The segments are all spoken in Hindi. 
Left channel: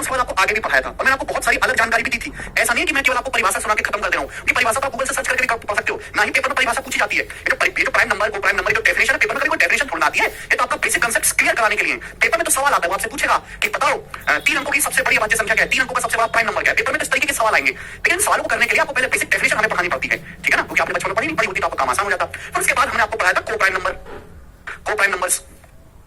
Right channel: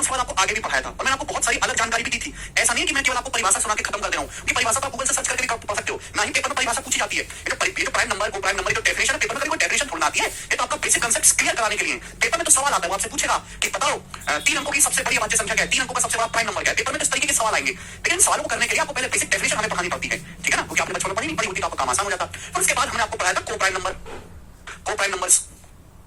मैंने उसके बाद आपको आगे भी पढ़ाया था और मैंने आपको बहुत सारी अलग जानकारी भी दी थी। ऐसा नहीं है कि मैं केवल आपको परिभाषा सुना के खत्म कर दे रहा हूँ कि परिभाषा तो आप गूगल से सर्च करके भी पढ़ सकते हो, ना ही पेपर में परिभाषा पूछी जाती है। ये जो प्राइम नंबर को प्राइम नंबर की डेफिनेशन है, पेपर में कोई डेफिनेशन थोड़ा आती है, ये तो आपका बेसिक कांसेप्ट क्लियर कराने के लिए। पेपर में तो सवाल आता है, वो आपसे पूछेगा कि बताओ 3 अंकों की सबसे बड़ी अभाज्य संख्या क्या है, 3 अंकों का सबसे बड़ा प्राइम नंबर क्या है। पेपर में तो इस तरीके के सवाल आएंगे, लेकिन सवालों को करने के लिए आपको पहले बेसिक डेफिनेशन हमें पढ़ानी पड़ती है, ठीक है ना, क्योंकि आपने बचपन में पढ़ी नहीं पड़ी होती तो आपका काम आसान हो जाता। फिर उसके बाद हमने आपको पढ़ाया था को प्राइम नंबर, को प्राइम नंबर्स,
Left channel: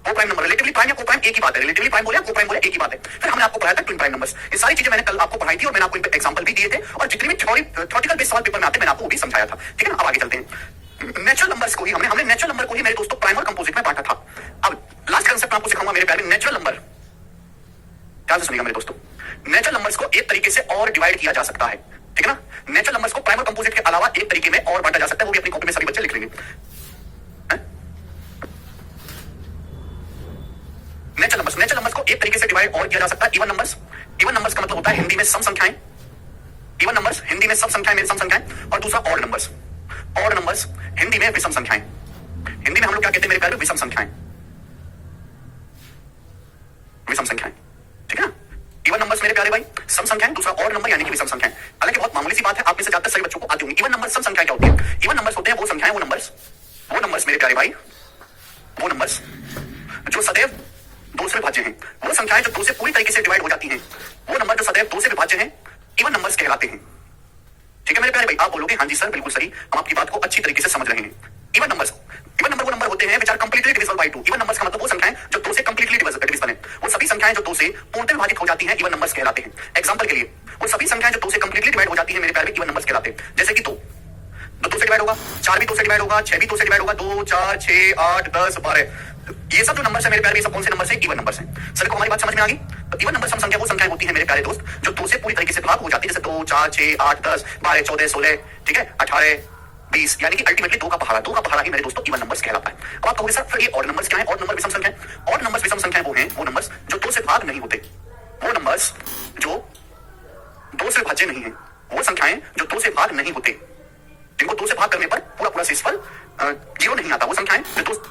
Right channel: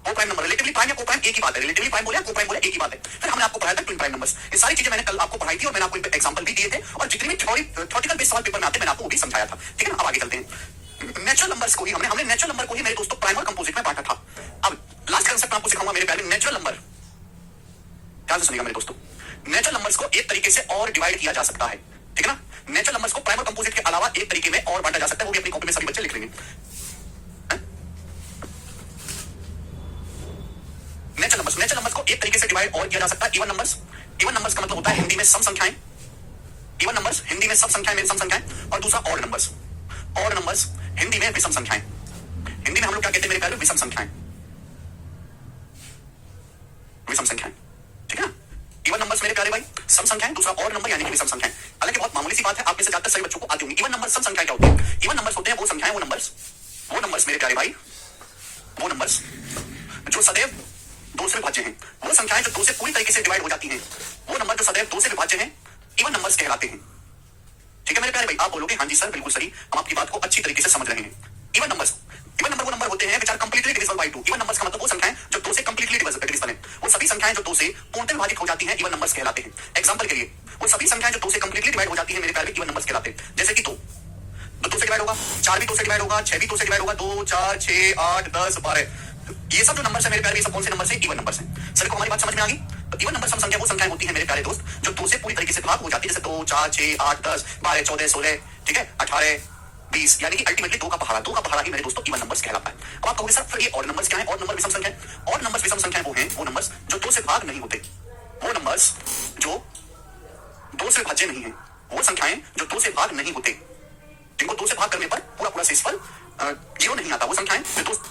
को प्राइम नंबर, रिलेटिवली प्राइम या को प्राइम एक ही बात है, रिलेटिवली प्राइम बोले को प्राइम बोले एक ही बात है। फिर हमने आपको पढ़ाया था ट्विन प्राइम नंबर्स। ये सारी चीजें मैंने कल आपको पढ़ाई थी और मैंने आपको एग्जांपल भी दिए थे और जितने भी थ्योरेटिकल बेस्ड सवाल पेपर में आते मैंने आपको वो भी समझाया था, ठीक है ना। अब आगे चलते हैं। नेचुरल नंबर्स को ही हमने नेचुरल नंबर को ही मेरे दोस्तों प्राइम और कंपोजिट में बांटा था। अब लास्ट कांसेप्ट आपको सिखाऊंगा मेरे प्यारे। नेचुरल नंबर ध्यान से सुनिएगा मेरे दोस्तों, नेचुरल नंबर्स को एक तरीके से और डिवाइड किया जा सकता है, ठीक है ना। नेचुरल नंबर्स को प्राइम और कंपोजिट के अलावा एक तरीके में और बांटा जा सकता है, वो भी अपनी कॉपी में सभी बच्चे लिख लेंगे। नेचुरल नंबर्स को एक तरीके से डिवाइड और किया जा सकता है इवन नंबर्स। इवन नंबर्स का मतलब होता है हिंदी में सम संख्याएं, इवन नंबर्स हिंदी में सब संख्याएं, मेरी सम संख्याएं, और दूसरा odd numbers. Odd numbers Hindi में विषम संख्याएं। हिंदी में हम लोग क्या कहते हैं मेरे प्यारे, विषम संख्याएं, विषम संख्याएं, ठीक है ना। इवन नंबर्स मेरे प्यारे भाई सम संख्याएं, दूसरा ऑड नंबर यानी कि विषम संख्याएं। हालांकि बहुत मामूली सी बात है, आप में से ज्यादातर सभी बच्चों को आती होंगी। इवन नंबर सम संख्या क्या होती है? इवन नंबर्स होते हैं वो संख्याएं, वो नंबर्स मेरे प्यारे भाई, वो नंबर्स जो सदैव 2 से विभाज्य हैं। वो संख्याएं जो 2 से पूरी तरीके से डिवाइड हो जाती हैं, वो नंबर जो सदैव 2 से विभाज्य हैं, इवन नंबर्स कहलाते हैं, ठीक है मेरे प्यारे भाई। आप बोलोगे हाँ जी सर बिल्कुल सही, हम आपकी बात को अच्छी तरीके से समझ रहे हैं। इवन नंबर वो नंबर होते हैं which are completely divisible by 2। Even numbers का मतलब वो संख्याएं जो 2 से कंप्लीटली डिविजिबल है। वो सभी संख्याएं जो 2 से पूर्णतः विभाजित हो जाती हैं, इवन नंबर्स कहलाते हैं। एग्जांपल के लिए वो सभी संख्याएं जो 2 से कंप्लीटली डिवाइड हो जाती हैं मेरे प्यारे भाई, इवन नंबर्स कहलाते हैं। जैसे कि 2 से डिवाइड होगा, 4 भी 2 से डिवाइड होगा, 6 भी 2 से डिवाइड होगा, 2 4 6 8 10 12, ये सब जो नंबर्स है मेरे प्यारे, ये सब कौन से नंबर से? इवन नंबर्स हैं। सभी को हमारी बात समझ में आ गई? तो इवन नंबर सम संख्या वो संख्याएं होती हैं मेरे प्यारे दोस्त जो 2 से पूरी तरीके से भाग हो जाती है, जैसे 2 4 6 8 10 12 14 16, ठीक है, 18 20, यानी कि अल्टीमेटली 2 का पहाड़ा ही मेरे दोस्तों इवन नंबर्स कहलाता है। अब आप कहोगे सर फिर ये ऑड नंबर्स क्या है? ऑड नंबर विषम संख्या। ऑड नंबर्स विषम संख्याएं वो हैं, वो नंबर्स जो 2 से भाग नहीं होते, वो नंबर्स जो 2 से विभाज्य नहीं है, वो संख्याएं जो 2 से भाग नहीं होते, जिनको 2 से भाग करने पर पूरा शेषफल 0 नहीं आता, वो संख्याएं जो 2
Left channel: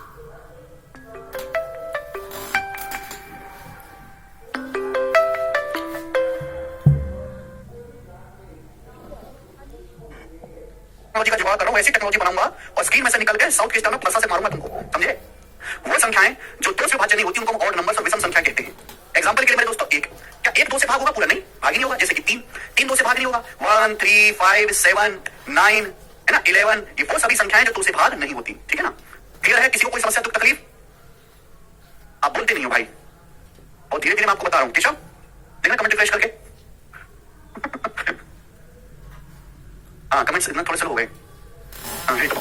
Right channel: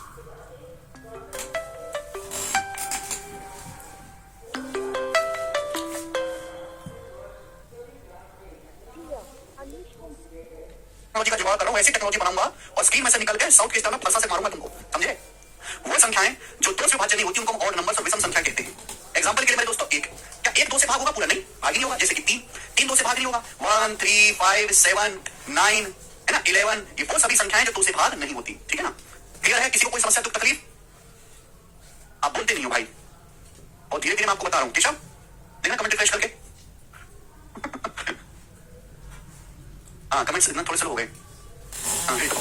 टेक्नोलॉजी का जुगाड़ कर रहा हूं, ऐसी टेक्नोलॉजी बनाऊंगा और स्क्रीन में से निकल के साउथ के स्टाइल में प्लसा से मारूंगा तुमको, समझे। वो संख्याएं जो 2 से विभाज्य नहीं होती उनको हम ऑड नंबर्स और विषम संख्या कहते हैं। एग्जांपल के लिए मेरे दोस्तों क्या 1 2 से भाग होगा? पूरा नहीं, भाग ही नहीं होगा। जैसे कि 3 2 से भाग नहीं होगा। 1 3 5 7 9 है ना, 11, ये वो सभी संख्याएं जो 2 से भाग नहीं होती, ठीक है ना। क्लियर है? किसी को कोई समस्या दुख तकलीफ? आप बोलते नहीं हो भाई, और धीरे धीरे मैं आपको बता रहा हूं, ठीक है। देखना कमेंट रिफ्रेश करके। हाँ कमेंट्स इतना थोड़े से हो गए, कमेंट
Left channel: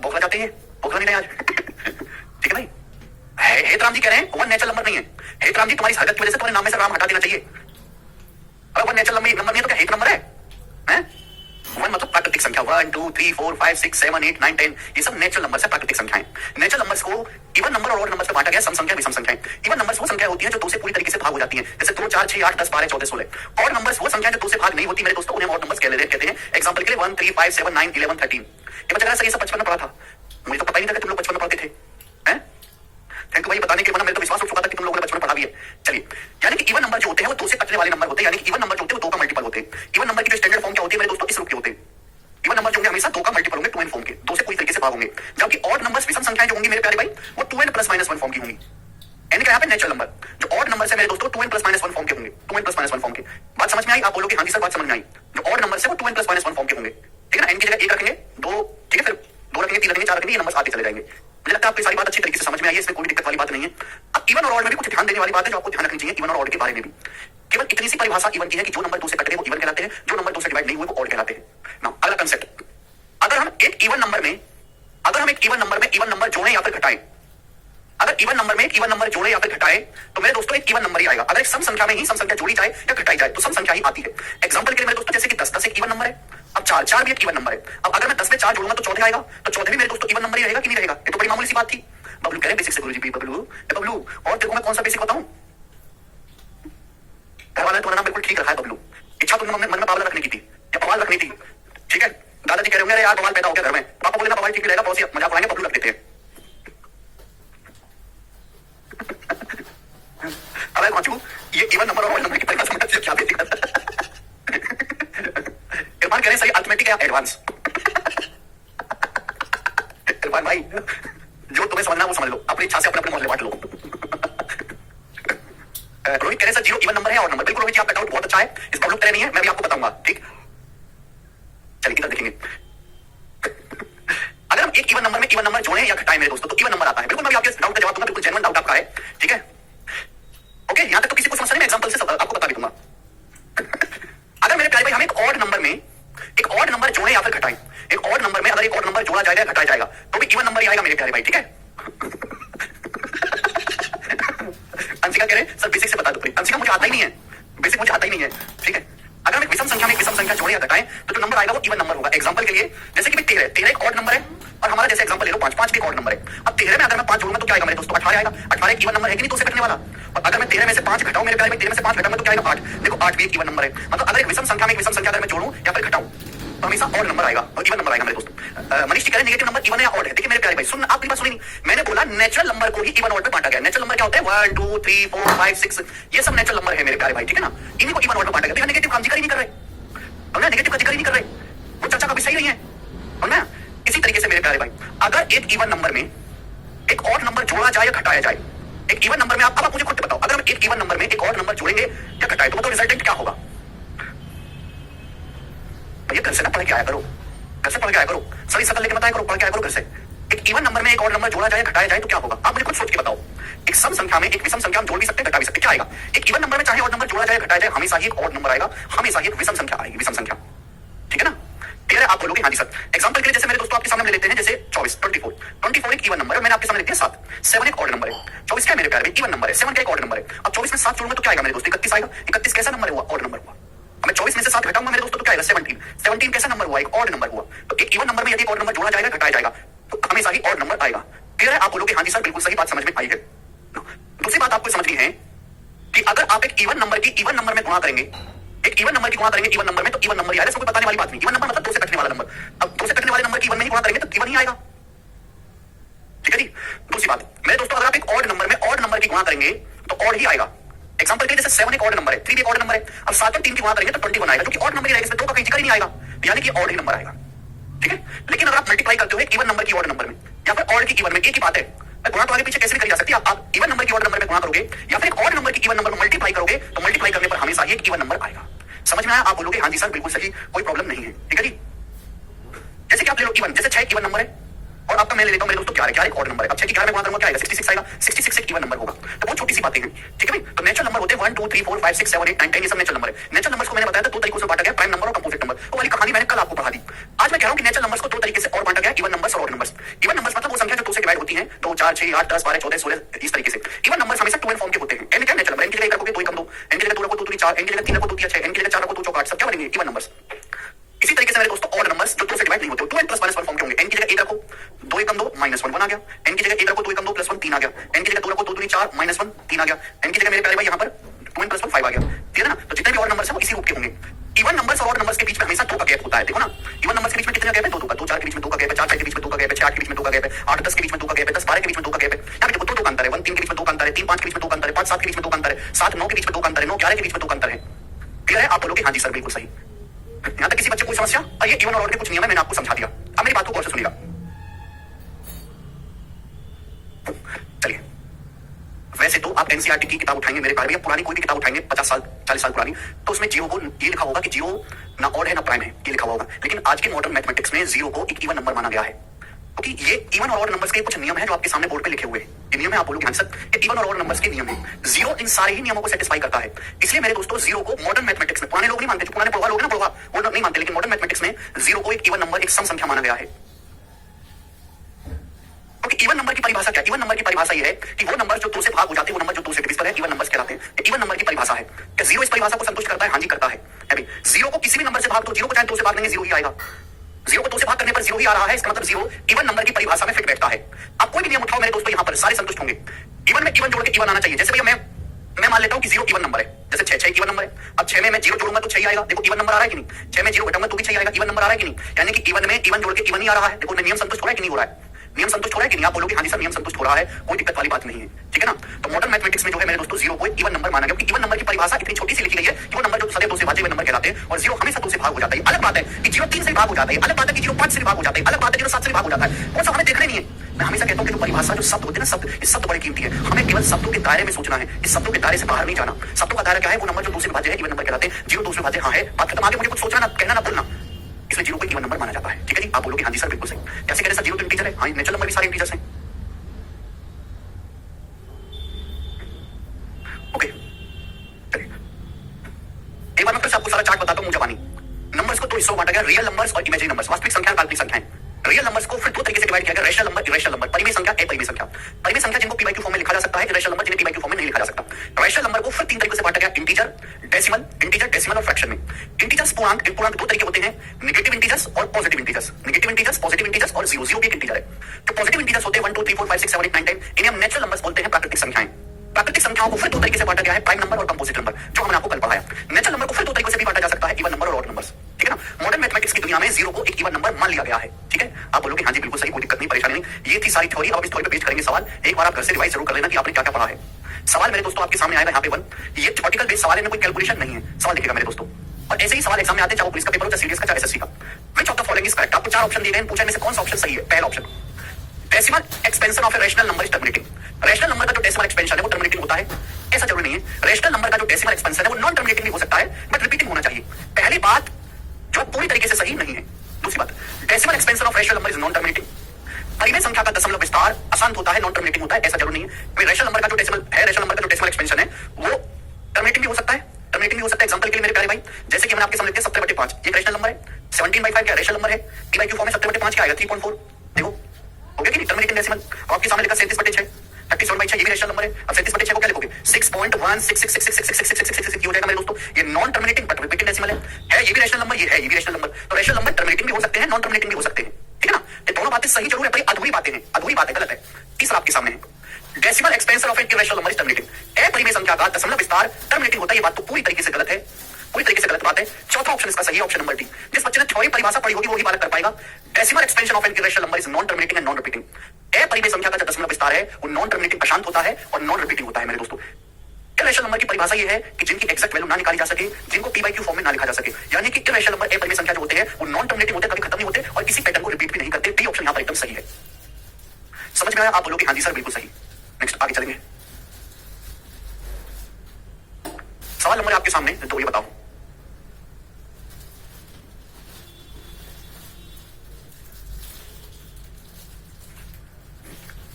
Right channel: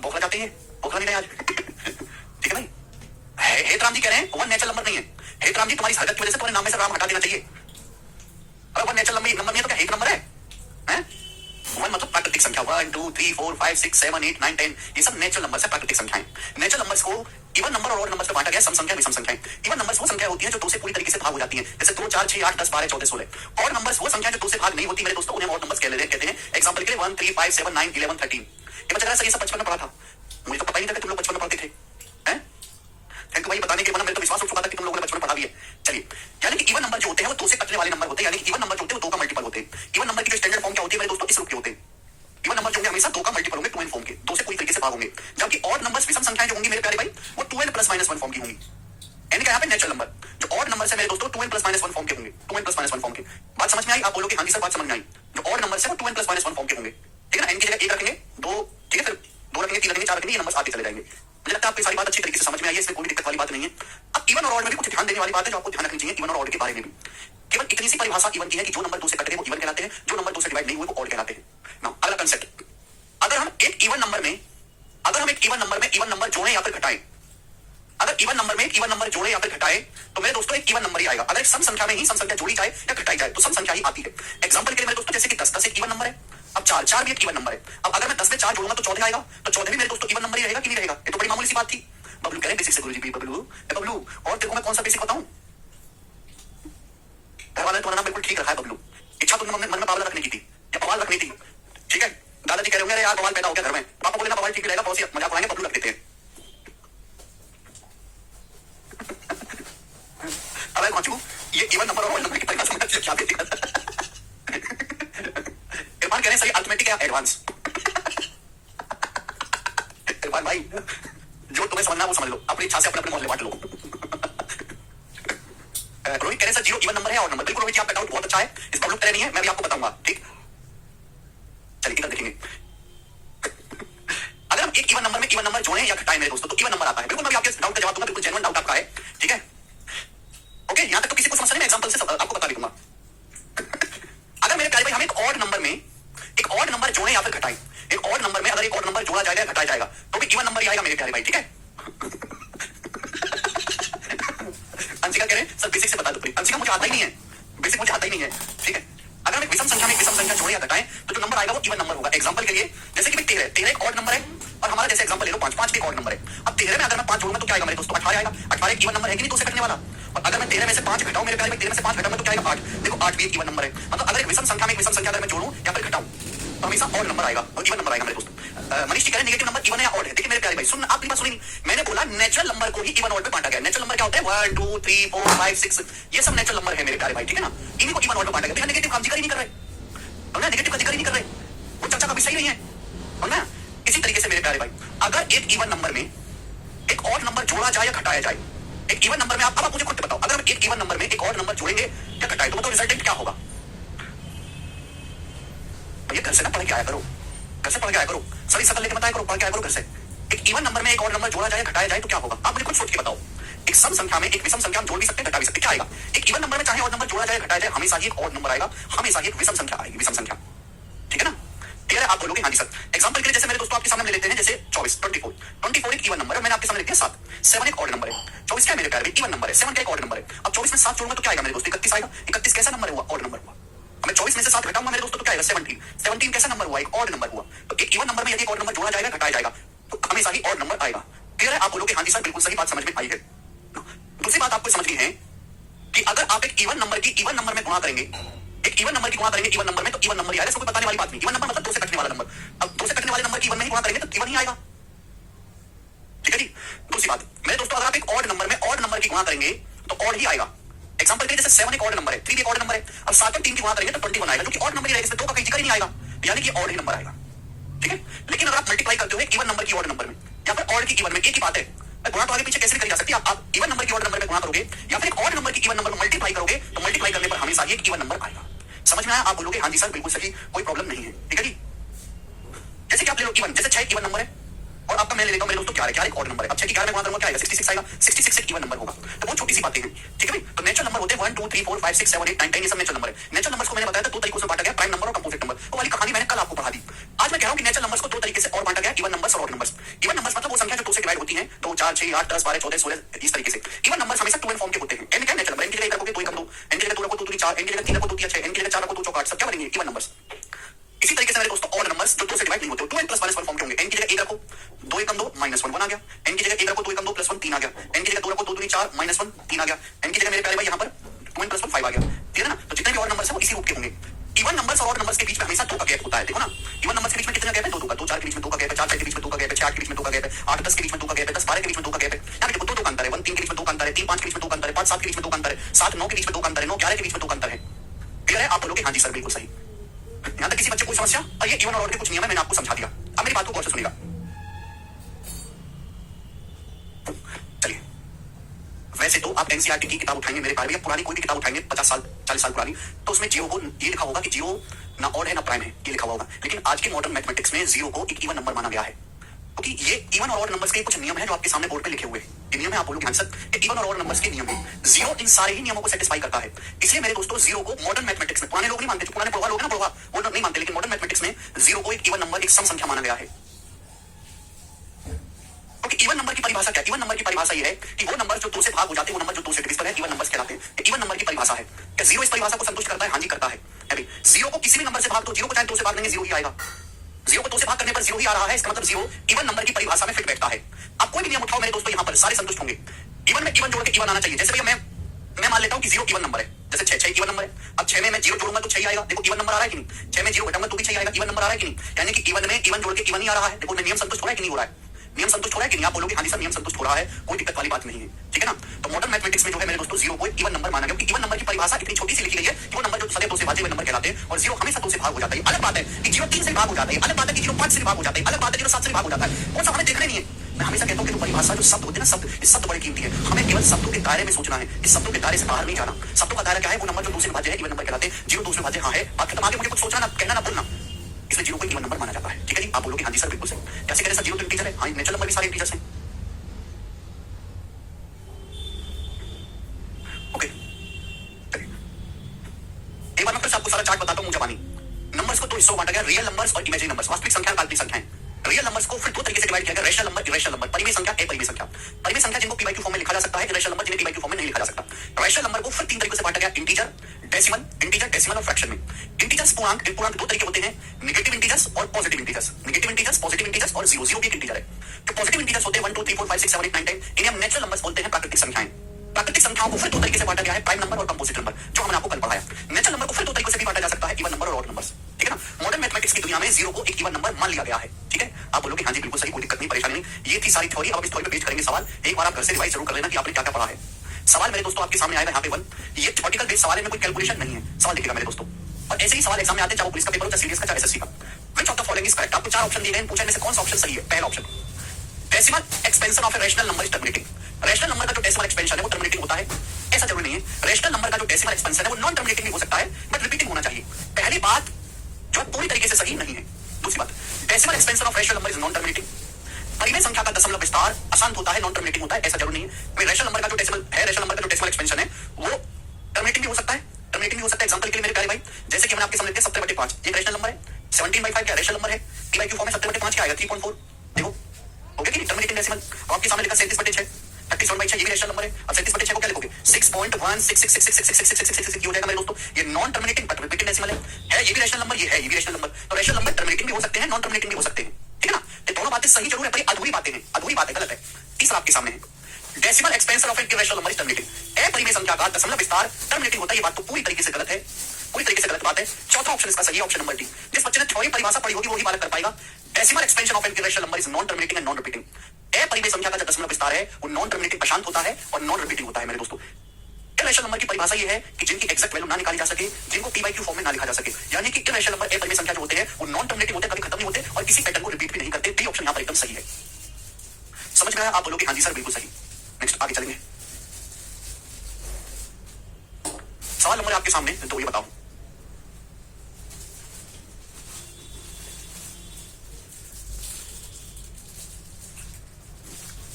बौखला जाते हैं, बौखला नहीं रहे आज। ठीक है भाई। हेतराम जी कह रहे हैं वन नेचुरल नंबर नहीं है। हेतराम जी तुम्हारी हरकत की वजह से तुम्हारे नाम में से राम हटा देना चाहिए। अगर वन नेचुरल नंबर नहीं है तो क्या हेत नंबर है? वन मतलब प्राकृतिक संख्या, 1 2 3 4 5 6 7 8 9 10, ये सब नेचुरल नंबर है, प्राकृतिक संख्याएं। नेचुरल नंबर्स को इवन नंबर और ऑड नंबर्स में बांटा गया, सम संख्या विषम संख्याएं। इवन नंबर्स वो संख्या होती है जो 2 से पूरी तरीके से भाग हो जाती है, जैसे 2 4 6 8 10 12 14 16। ऑड नंबर्स वो संख्या जो 2 से भाग नहीं होती मेरे दोस्तों, उन्हें ऑड नंबर्स कहते हैं। एग्जांपल के लिए 1 3 5 7 9 11 13। ये बच्चा सर ये सब बचपन में पढ़ा था, मुझे तो पता ही नहीं था कि तुम लोग बचपन में पढ़ते थे। थैंक यू भाई बताने के बाद मेरे तो विश्वास उठ चुका था कि तुम लोगों ने बचपन में पढ़ा भी है। चलिए, यानी कि इवन नंबर जो होते हैं वो 2 से कटने वाले नंबर होते हैं, यानी कि इवन नंबर जो होते हैं वो 2 का मल्टीपल होते हैं। इवन नंबर की जो स्टैंडर्ड फॉर्म क्या होती है मेरे दोस्तों, इस रूप के होते हैं। इवन नंबर जो होंगे हमेशा 2 का मल्टीपल होंगे, 2n फॉर्म के, 2 से पूरी तरीके से भाग होंगे। जबकि ऑड नंबर्स विषम संख्याएं जो होंगी मेरे प्यारे भाई, वो 2n + -1 फॉर्म की होंगी। यानी कि यहाँ पे नेचुरल नंबर जो ऑड नंबर है मेरे दोस्तों 2n + -1 फॉर्म के होंगे, 2n + -1 फॉर्म के। बात समझ में आई? आप बोलोगे हाँ जी सर बात समझ में आई। जो ऑड नंबर है वो 2n + -1 फॉर्म के होंगे, ठीक है ना। n की जगह 1 रखेंगे, 2, ठीक है, फिर 2 रखेंगे, 3 रखेंगे, 4 रखेंगे, ये नंबर आते चले जाएंगे। मुझे लगता है आपको सारी बात अच्छी तरीके से समझ में आई है, इसमें कोई दिक्कत वाली बात नहीं है। अब इवन और ऑड में भी कुछ ध्यान देने वाली बात है जो आपको ध्यान रखनी चाहिए इवन और ऑड के बारे में भी। केवल इतनी सी परिभाषा इवन की है कि जो नंबर 2 से कट गए वो इवन कहलाते हैं, जो नंबर 2 से डिवाइड नहीं हुए वो ऑड कहलाते हैं। नाउ अगला कांसेप्ट, अगर हम एक इवन नंबर में इवन नंबर जोड़ें या फिर घटाएं, अगर इवन नंबर में एक इवन नंबर जोड़े या फिर घटाए तो मेरे दोस्तों एक इवन नंबर ही आएगा। अगर एक सम संख्या में ही सम संख्या जोड़ी जाए या घटाई जाए तो सम संख्या ही आती है। एग्जांपल के लिए मेरे दोस्तों जैसे कि 10 एक इवन नंबर है, अब 4 भी एक इवन नंबर है। अब अगर मैं 10 में 4 जोड़ूंगा तो 14 आएगा, तो 14 भी मेरे दोस्तों इवन नंबर ही रहेगा कि नहीं रहेगा? ये तो बड़ी मामूली सी बात थी। बबलू कह रहे हैं बेसिक से गुरुजी भी। बबलू और देखो मैं कौन सा बेसिक बताऊं? घर वाले तुम्हारा नाम बिल्कुल ठीक रखा है बबलू। इच्छा तुमने मन में पावला रखने की थी या पवाल रखनी थी, ठीक है। दादाजी कह रहे होंगे यार पवाल पैदा हो गया घर में, पापा बोले ना पवाल ठीक रहेगा, पड़ोसी मजाक उड़ाएंगे, बबलू रख देते हैं। अरे ये इवन नंबर और ऑड नंबर की परिभाषा में क्या भेजेगा? इरफान कह रहे हैं सही अर्थमेटिक या एडवांस? इरफान भाई जो तुम्हें समझना वो समझ लो, अपनी इच्छा से अपने अपने मोहल्ले बांट लो। रोहित कह रहे हैं सर जीरो इवन नंबर है और नंबर, बिल्कुल रोहित जी आपका डाउट बहुत अच्छा है, इस डाउट तरह नहीं है, मैं भी आपको बताऊंगा, ठीक? चलिए किधर देखेंगे। अगर हम एक इवन नंबर में इवन नंबर जोड़ें या घटाएं मेरे दोस्तों तो इवन नंबर आता है, बिल्कुल मैं भी आपके डाउट का जवाब दूंगा, बिल्कुल जेन्युइन डाउट आपका है, ठीक है? ओके, यहां तक तो किसी को समस्या नहीं, मैं एग्जांपल से आपको बता भी दूंगा। अगर मेरे प्यारे भाई हम एक ऑड नंबर में एक ऑड नंबर जोड़ें या फिर घटाएं, एक ऑड नंबर में अगर एक ऑड नंबर जोड़ा जाएगा घटाया जाएगा तो भी इवन नंबर ही आएगा मेरे प्यारे भाई, ठीक है? अंशिका कह रहे हैं सर बेसिक से बता दो प्लीज। अंशिका मुझे आता ही नहीं है, बेसिक मुझे आता ही नहीं है, ठीक है? अगर हम एक विषम संख्या में एक विषम संख्या जोड़े या घटाएं तो जो नंबर आएगा वो इवन नंबर होगा। एग्जांपल के लिए जैसे कि 13 एक ऑड नंबर है और हमारा जैसे एग्जांपल ले लो 5 भी एक ऑड नंबर है। अब 13 में अगर मैं 5 जोड़ूंगा तो क्या आएगा मेरे दोस्तों? 18 आएगा। 18 एक इवन नंबर है कि नहीं, 2 से कटने वाला। और अगर मैं 13 में से 5 घटाऊं मेरे प्यारे भाई, 13 में से 5 घटाऊंगा तो क्या आएगा? 8। देखो 8 भी एक इवन नंबर है। मतलब अगर एक विषम संख्या में एक विषम संख्या अगर मैं जोड़ूं या फिर घटाऊं तो हमेशा ऑड नंबर आएगा और इवन नंबर आएगा मेरे दोस्तों। मनीष जी कह रहे हैं नेगेटिव नंबर इवन है या ऑड है? देखिए मेरे प्यारे भाई सुन, आपकी बात सुनी नहीं, मैंने बोला नेचुरल नंबर को ही इवन ऑड में बांटा गया। नेचुरल नंबर क्या होता है? 1 2 3 4 5 6 ये सब नेचुरल नंबर है मेरे प्यारे भाई, ठीक है ना? इन्हीं को इवन ऑड में बांटा गया। नेगेटिव काम जिक्र ही नहीं कर रहे, हमने नेगेटिव का जिक्र ही नहीं कर रहे, वो चर्चा कभी सही नहीं है, समझना? इसी तरीके से मेरे प्यारे भाई अगर एक इवन नंबर में एक ऑड नंबर जोड़ा जाए या घटाया जाए, एक इवन नंबर में अब आप मुझे खुद बताओ, अगर हम एक इवन नंबर में एक ऑड नंबर जोड़ेंगे या घटाए तो मतलब रिजल्टेंट क्या होगा? भैया घर से ना पढ़ के आया करो, घर से पढ़ के आया करो, सभी सकल लेके बताया करो, पढ़ के आया करो घर से। एक इवन नंबर में एक ऑड नंबर जोड़ा जाए घटाया जाए तो क्या होगा? आप मुझे खुद सोच के बताओ। एक सम संख्या में एक विषम संख्या हम जोड़ भी सकते हैं घटा भी सकते हैं, क्या आएगा? एक इवन नंबर में चाहे ऑड नंबर जोड़ा जाए घटाया जाए हमेशा ही एक ऑड नंबर आएगा, हमेशा ही एक विषम संख्या आएगी, विषम संख्या, ठीक है ना? क्लियर है? आप बोलोगे हाँ जी सर। एग्जांपल के लिए जैसे मेरे दोस्तों आपके सामने ले लेते हैं जैसे 24 24 एक इवन नंबर है, मैंने आपके सामने लिख दिया 7 7 एक ऑड नंबर है। 24 क्या मेरे प्यारे में इवन नंबर है, 7 का एक ऑड नंबर है। अब 24 में 7 जोड़ूंगा तो क्या आएगा मेरे दोस्तों? 31 आएगा। 31 कैसा नंबर हुआ? ऑड नंबर हुआ। मैं 24 में से 7 घटाऊंगा मेरे दोस्तों तो क्या आएगा? 17 17 कैसा नंबर हुआ? एक ऑड नंबर हुआ। तो एक इवन नंबर में यदि एक ऑड नंबर जोड़ा जाएगा घटाया जाएगा तो हमेशा ही ऑड नंबर आएगा। क्लियर है? आप बोलोगे हाँ जी सर बिल्कुल सही बात समझ में आई है। दूसरी बात आपको समझनी है कि अगर आप एक इवन नंबर की इवन नंबर में गुणा करेंगे, एक इवन नंबर की गुणा करेंगे इवन नंबर में तो इवन नंबर ही आएगा, इसको कोई बताने वाली बात नहीं। इवन नंबर मतलब 2 से कटने वाला नंबर। अब 2 से कटने वाले नंबर की इवन में ही गुणा करेंगे तो इवन ही आएगा, ठीक है जी? दूसरी बात मेरे दोस्तों अगर आप एक ऑड नंबर में ऑड नंबर की गुणा करेंगे तो ऑड ही आएगा। एग्जांपल के लिए जैसे 7 एक ऑड नंबर है, 3 भी एक ऑड नंबर है। अब 7 और 3 की गुणा करेंगे तो 21 आएगा, क्योंकि ऑड नंबर ही रहेगा, इसमें 2 का कहीं जिक्र ही नहीं आएगा, यानी कि ऑड ही नंबर आएगा, ठीक है? लेकिन अगर आप मल्टीप्लाई करते हो इवन नंबर की ऑड नंबर में या फिर ऑड की इवन में, एक ही बात है, गुणा तो आगे पीछे कैसे भी करी जा सकती है। आप इवन नंबर की ऑड नंबर में गुणा करोगे या फिर एक ऑड नंबर की इवन नंबर में मल्टीप्लाई करोगे तो मल्टीप्लाई करने पर हमेशा ये एक इवन नंबर आएगा। समझ में आया? आप बोलोगे हाँ जी सर बिल्कुल सही, कोई प्रॉब्लम नहीं है, ठीक है जी? जैसे कि आप ले लो इवन, जैसे 6 एक इवन नंबर है और आपका मैं ले लेता हूं मेरे दोस्तों 11 एक ऑड नंबर है। अब 6 की 11 में गुणा करूंगा क्या आएगा? 66 आएगा। 66 एक इवन नंबर होगा। तो बहुत छोटी सी बातें हैं, ठीक है भाई? तो नेचुरल नंबर होते हैं 1 2 3 4 5 6 7 8 9 10 ये सब नेचुरल नंबर है। नेचुरल नंबर्स को मैंने बताया था 2 तरीकों से बांटा गया, प्राइम नंबर और कंपोजिट नंबर। वो वाली कहानी मैंने कल आपको पढ़ा दी। आज मैं कह रहा हूं कि नेचुरल नंबर्स को 2 तरीके से और बांटा गया, इवन नंबर्स और ऑड नंबर्स। इवन नंबर्स मतलब वो संख्या जो 2 से डिवाइड होती है, 2 4 6 8 10 12 14 16 इस तरीके से। इवन नंबर्स हमेशा 2 फॉर्म के होते हैं। एन क्या नेचुरल नंबर, एन की जगह 1 रखोगे 2 कम 2, एन की जगह 2 रखो 2 3 4, एन की जगह 3 रखो 2 3 6, एन की जगह 4 रखो 2 4 8, सब क्या बनेंगे? Even numbers. इसी तरीके से मेरे दोस्तों ऑड नंबर्स जो 2 से डिवाइड नहीं होते 2n + -1 फॉर्म के होंगे। एन की जगह 1 रखो 2 कम 2 -1 1 आ गया। एन की जगह 1 रखो 2 कम 2 +1 3 आ गया। एन की जगह 2 रखो 2 3 4 -1 3 आ गया। एन की जगह मेरे प्यारे भाई यहाँ पर 2n + 1 5 आ गया, ठीक है ना? तो जितने भी ऑड नंबर्स हैं वो इसी रूप के होंगे। इवन नंबर्स और ऑड नंबर्स के बीच में हमेशा 2 का गैप होता है, देखो ना? इवन नंबर्स के बीच में कितना गैप है? 2 का। 2 4 के बीच में 2 का गैप है, 4 6 के बीच में 2 का गैप है, 6 8 के बीच में 2 का गैप है, 8 10 के बीच में 2 का गैप है, 10 12 के बीच में 2 का गैप है। यहाँ पे देखो 2 का अंतर है, 1 3 के बीच में 2 का अंतर है, 3 5 के बीच में 2 का अंतर है, 5 7 के बीच में 2 का अंतर है, 7 9 के बीच में 2 का अंतर है, 9 11 के बीच में 2 का अंतर है। क्लियर है? आप बोलोगे हाँ जी सर बिल्कुल सही। यहां तक किसी बच्चे को कोई समस्या? और ये इवन और ऑड के कुछ नियम है, मैंने आपको समझा दिया। अब मेरी बात को गौर से सुनिएगा। चलिए, वैसे तो आप एनसीईआरटी की किताब उठाएंगे मेरे प्यारे भैया, पुरानी कोई भी किताब उठाएंगे 50 साल 40 साल पुरानी, तो उसमें जीरो को ये लिखा होगा कि जीरो ना ऑड है ना प्राइम है, ये लिखा होगा। लेकिन आज के मॉडर्न मैथमेटिक्स में जीरो को एक इवन नंबर माना गया है, क्योंकि ये इवन और ऑड नंबर्स के कुछ नियम है जो आपके सामने बोर्ड पे लिखे हुए हैं। ये नियम है, आप बोलोगे हाँ सर ये इवन और ऑड नंबर्स के नियम है। जीरो इन सारे ही नियमों को सेटिस्फाई करता है। इसलिए मेरे दोस्तों जीरो को मॉडर्न मैथमेटिक्स में, पुराने लोग नहीं मानते, जो पुराने पढ़वा लोग ना पढ़वा वो लोग नहीं मानते, लेकिन मॉडर्न मैथमेटिक्स में जीरो को एक इवन नंबर, एक सम संख्या माना गया है। क्योंकि इवन नंबर की परिभाषा क्या है? इवन नंबर की परिभाषा ये है कि वो नंबर जो 2 से भाग हो जाते हैं, वो नंबर जो 2 से डिविजिबल है, इवन नंबर्स कहलाते हैं। इवन नंबर की परिभाषा है। क्या जीरो इस परिभाषा को संतुष्ट करता है? हाँ जी करता है। अभी जीरो को किसी भी नंबर से भाग दो, जीरो को चाहे 2 से भाग देंगे जीरो ही आएगा। जीरो को 2 से भाग करने पर जीरो ही आ रहा है, इसका मतलब जीरो इवन नंबर की परिभाषा में फिट बैठता है। आप कोई भी नियम उठाओ मेरे दोस्तों, यहाँ पर सारे संतुष्ट होंगे। इवन में इवन जोड़ के इवन आना चाहिए। जैसे भैया मैं मान लेता हूं कि जीरो इवन नंबर है, जैसे 6 इवन नंबर है। अब 6 में मैं जीरो जोड़ूंगा तो 6 आएगा, देखो इवन नंबर आ रहा है कि नहीं? 6 में जीरो घटाऊंगा तो भी 6 आएगा, इवन नंबर आ रहा है कि नहीं? यानी कि इवन में इवन जोड़ के इवन ही आ रहा है। देखो नियम संतुष्ट हो रहा है कि नहीं हो रहा है? नियम संतुष्ट हो रहा है कि नहीं? आप बोलोगे हाँ जी सर नियम संतुष्ट हो रहा है, कोई दिक्कत वाली बात नहीं है, ठीक है ना? तो मॉडर्न मैथमेटिक्स में जो है मेरे दोस्तों जीरो को इवन नंबर माना गया, क्योंकि इवन नंबर की परिभाषा इतनी छोटी सी लिखी गई है कि वो नंबर जो सदैव 2 से भाज्य हुए नंबर कहलाते हैं, और जीरो हमेशा 2 से भाग हो जाता है। अलग बात है कि जीरो 3 से भाग हो जाता है, अलग बात है कि जीरो 5 से भाग हो जाता है, अलग बात है जीरो 7 से भाग हो जाता है, वो सब हमें देखना नहीं है। मैं हमेशा कहता हूँ कि जो परिभाषा जो शब्द होते हैं ना, शब्द, इस शब्द बड़े कीमती है, हमें केवल शब्दों के दायरे में सोचना है, इस शब्दों के दायरे से बाहर नहीं जाना। शब्दों का दायरा क्या है? वो नंबर जो 2 से भाज्य है इवन नंबर कहलाते हैं, जीरो 2 से भाज्य हाँ है, बात खत्म। आगे मुझे कुछ सोचना ना, कहना ना, बोलना, इसलिए जीरो को इवन नंबर माना जाता है, ठीक है जी? आप बोलोगे हाँ जी सर बिल्कुल सही। कैसे कह रहे सर जीरो तो इंटीजर है? हाँ, नेचुरल नंबर भी सारे इंटीजर्स हैं। ओके, एक बार मैं फिर से आपको सारा चार्ट बताता हूँ मुंह जबानी। नंबर्स को 2 हिस्सों में बांटा गया, रियल नंबर्स और इमेजिनरी नंबर्स, वास्तविक संख्या, काल्पनिक संख्याएं। रियल नंबर्स को फिर 2 तरीके से डिवाइड किया गया, रेशनल नंबर, इरेशनल नंबर, परिमेय संख्या, अपरिमेय संख्या। परिमेय संख्या जिनको पी/क्यू फॉर्म में लिखा जा सकता है, इरेशनल नंबर जिन्हें पी/क्यू फॉर्म में नहीं लिखा जा सकता। रेशनल नंबर को फिर 3 तरीकों से बांटा गया, इंटीजर, डेसिमल और फ्रैक्शन में। इंटीजर्स पूर्णांक 2 तरीके होते हैं, नेगेटिव इंटीजर्स और positive integers. Negative integers, positive integers और जीरो भी एक इंटीजर है। तो पॉजिटिव इंटीजर्स होते हैं 1 2 3 4 5 6 7 8 9 10, इन्हें हम नेचुरल नंबर्स बोलते हैं, प्राकृतिक संख्याएं। प्राकृतिक संख्याओं को फिर 2 तरीके से बांटा गया है, प्राइम नंबर और कंपोजिट नंबर, जो हमने आपको कल पढ़ाया। नेचुरल नंबर को फिर 2 तरीकों से भी बांटा जा सकता है, इवन नंबर और ऑड नंबर्स, ठीक है ना? मॉडर्न मैथमेटिक्स की दुनिया में जीरो को एक इवन नंबर मान लिया गया है, ठीक है? आप बोलोगे हाँ जी बिल्कुल सही, कोई दिक्कत नहीं, परेशानी नहीं। ये थी सारी थ्योरी। अब इस थ्योरी पे बेस करेंगे सवाल। एक बार आप घर से रिवाइज जरूर कर लेना कि आपने क्या क्या पढ़ा है। सवाल मेरे दोस्तों आपके सामने आएगा यहाँ पे 1, ये थ्योरेटिकल बेस सवाल है, कोई कैलकुलेशन नहीं है, सवाल लिखेगा मेरे दोस्तों। और ऐसे ही सवाल एग्जाम में आते हैं, चाहे पुलिस का पेपर हो, चाहे सीडीएस का, चाहे एसएससी का। Which of the following is correct? आपको 4 ऑप्शन दिए गए, पूछा इनमें से कौन सा ऑप्शन सही है? पहला option, decimal expansion of a rational number is terminating. Rational number का जो डेसिमल एक्सपेंशन है वो टर्मिनेटिंग होता है, ऐसा जरूरी नहीं है। रैशनल नंबर का जो डेसिमल एक्सपेंशन है वो नॉन टर्मिनेटिंग भी हो सकता है, बट रिपीटिंग होना चाहिए। पहली बात जो पूरी तरीके से सही नहीं है। दूसरी बात, decimal expansion of rational number is non terminating. परिमेय संख्या का दशमलव विस्तार अशांत होता है, नॉन टर्मिनेटिंग होता है, ऐसा जरूरी नहीं है। रैशनल नंबर का जो डेसिमल है, रैशनल नंबर का जो डेसिमल एक्सपेंशन है वो टर्मिनेटिंग भी हो सकता है, टर्मिनेटिंग भी हो सकता है। एग्जांपल के लिए मेरे प्यारे भाई, जैसे कि मैंने आपके सामने दिया 70/5, एक रैशनल नंबर है। 17/5 क्या रैशनल नंबर है? पी/क्यू फॉर्म में 70/5 क्या आएगा? 3.4। देखो हो गया कि नहीं? Terminating decimal. आपके सामने लिखा 37/6, 37/6, ये भी रैशनल नंबर है। अब 37/6 को क्या लिखोगे? 6.166666666 हो जाएगा मेरे दोस्तों। ये non terminating but repeating decimal है ये भी रैशनल नंबर, ये है ये भी रैशनल नंबर। तो रैशनल नंबर टर्मिनेटिंग भी हो सकते हैं, नॉन टर्मिनेटिंग भी हो सकते हैं, ठीक है ना? ये दोनों बातें सही जरूर है, पर अधूरी बातें हैं, अधूरी बातें, गलत है। तीसरा आपके सामने है, decimal expansion of a rational number is terminating. अपरिमेय संख्या का दशमलव विस्तार टर्मिनेटिंग होता है, ये बात तो पूरी तरीके से गलत है, पूरी तरीके से गलत बात है। चौथा ऑप्शन इसका सही है, ऑप्शन नंबर डी। जिस बच्चे ने थ्योरी परिभाषा पढ़ी होगी वही बात कर पाएगा। Decimal expansion of an rational number is non terminating and non repeating. अपरिमेय संख्या का जो दशमलव विस्तार है वो नॉन टर्मिनेटिंग अशांत होता है और नॉन रिपीटिंग होता है मेरे दोस्तों। इरेशनल नंबर की परिभाषा ये है कि जिनकी एक्सैक्ट वैल्यू ना निकाली जा सके, जिनको पी/क्यू फॉर्म में ना लिखा जा सके, यानी कि इरेशनल नंबर अपरिमेय संख्या जो होते हैं वो नॉन टर्मिनेटिंग होते हैं, कभी खत्म नहीं होते और किसी पैटर्न को रिपीट भी नहीं करते। डी ऑप्शन यहाँ पर एकदम सही है। समझ में आया? आप बोलोगे हाँ जी सर बिल्कुल सही। नेक्स्ट आगे चलेंगे। सवाल नंबर आपके सामने, तो ये बताओ,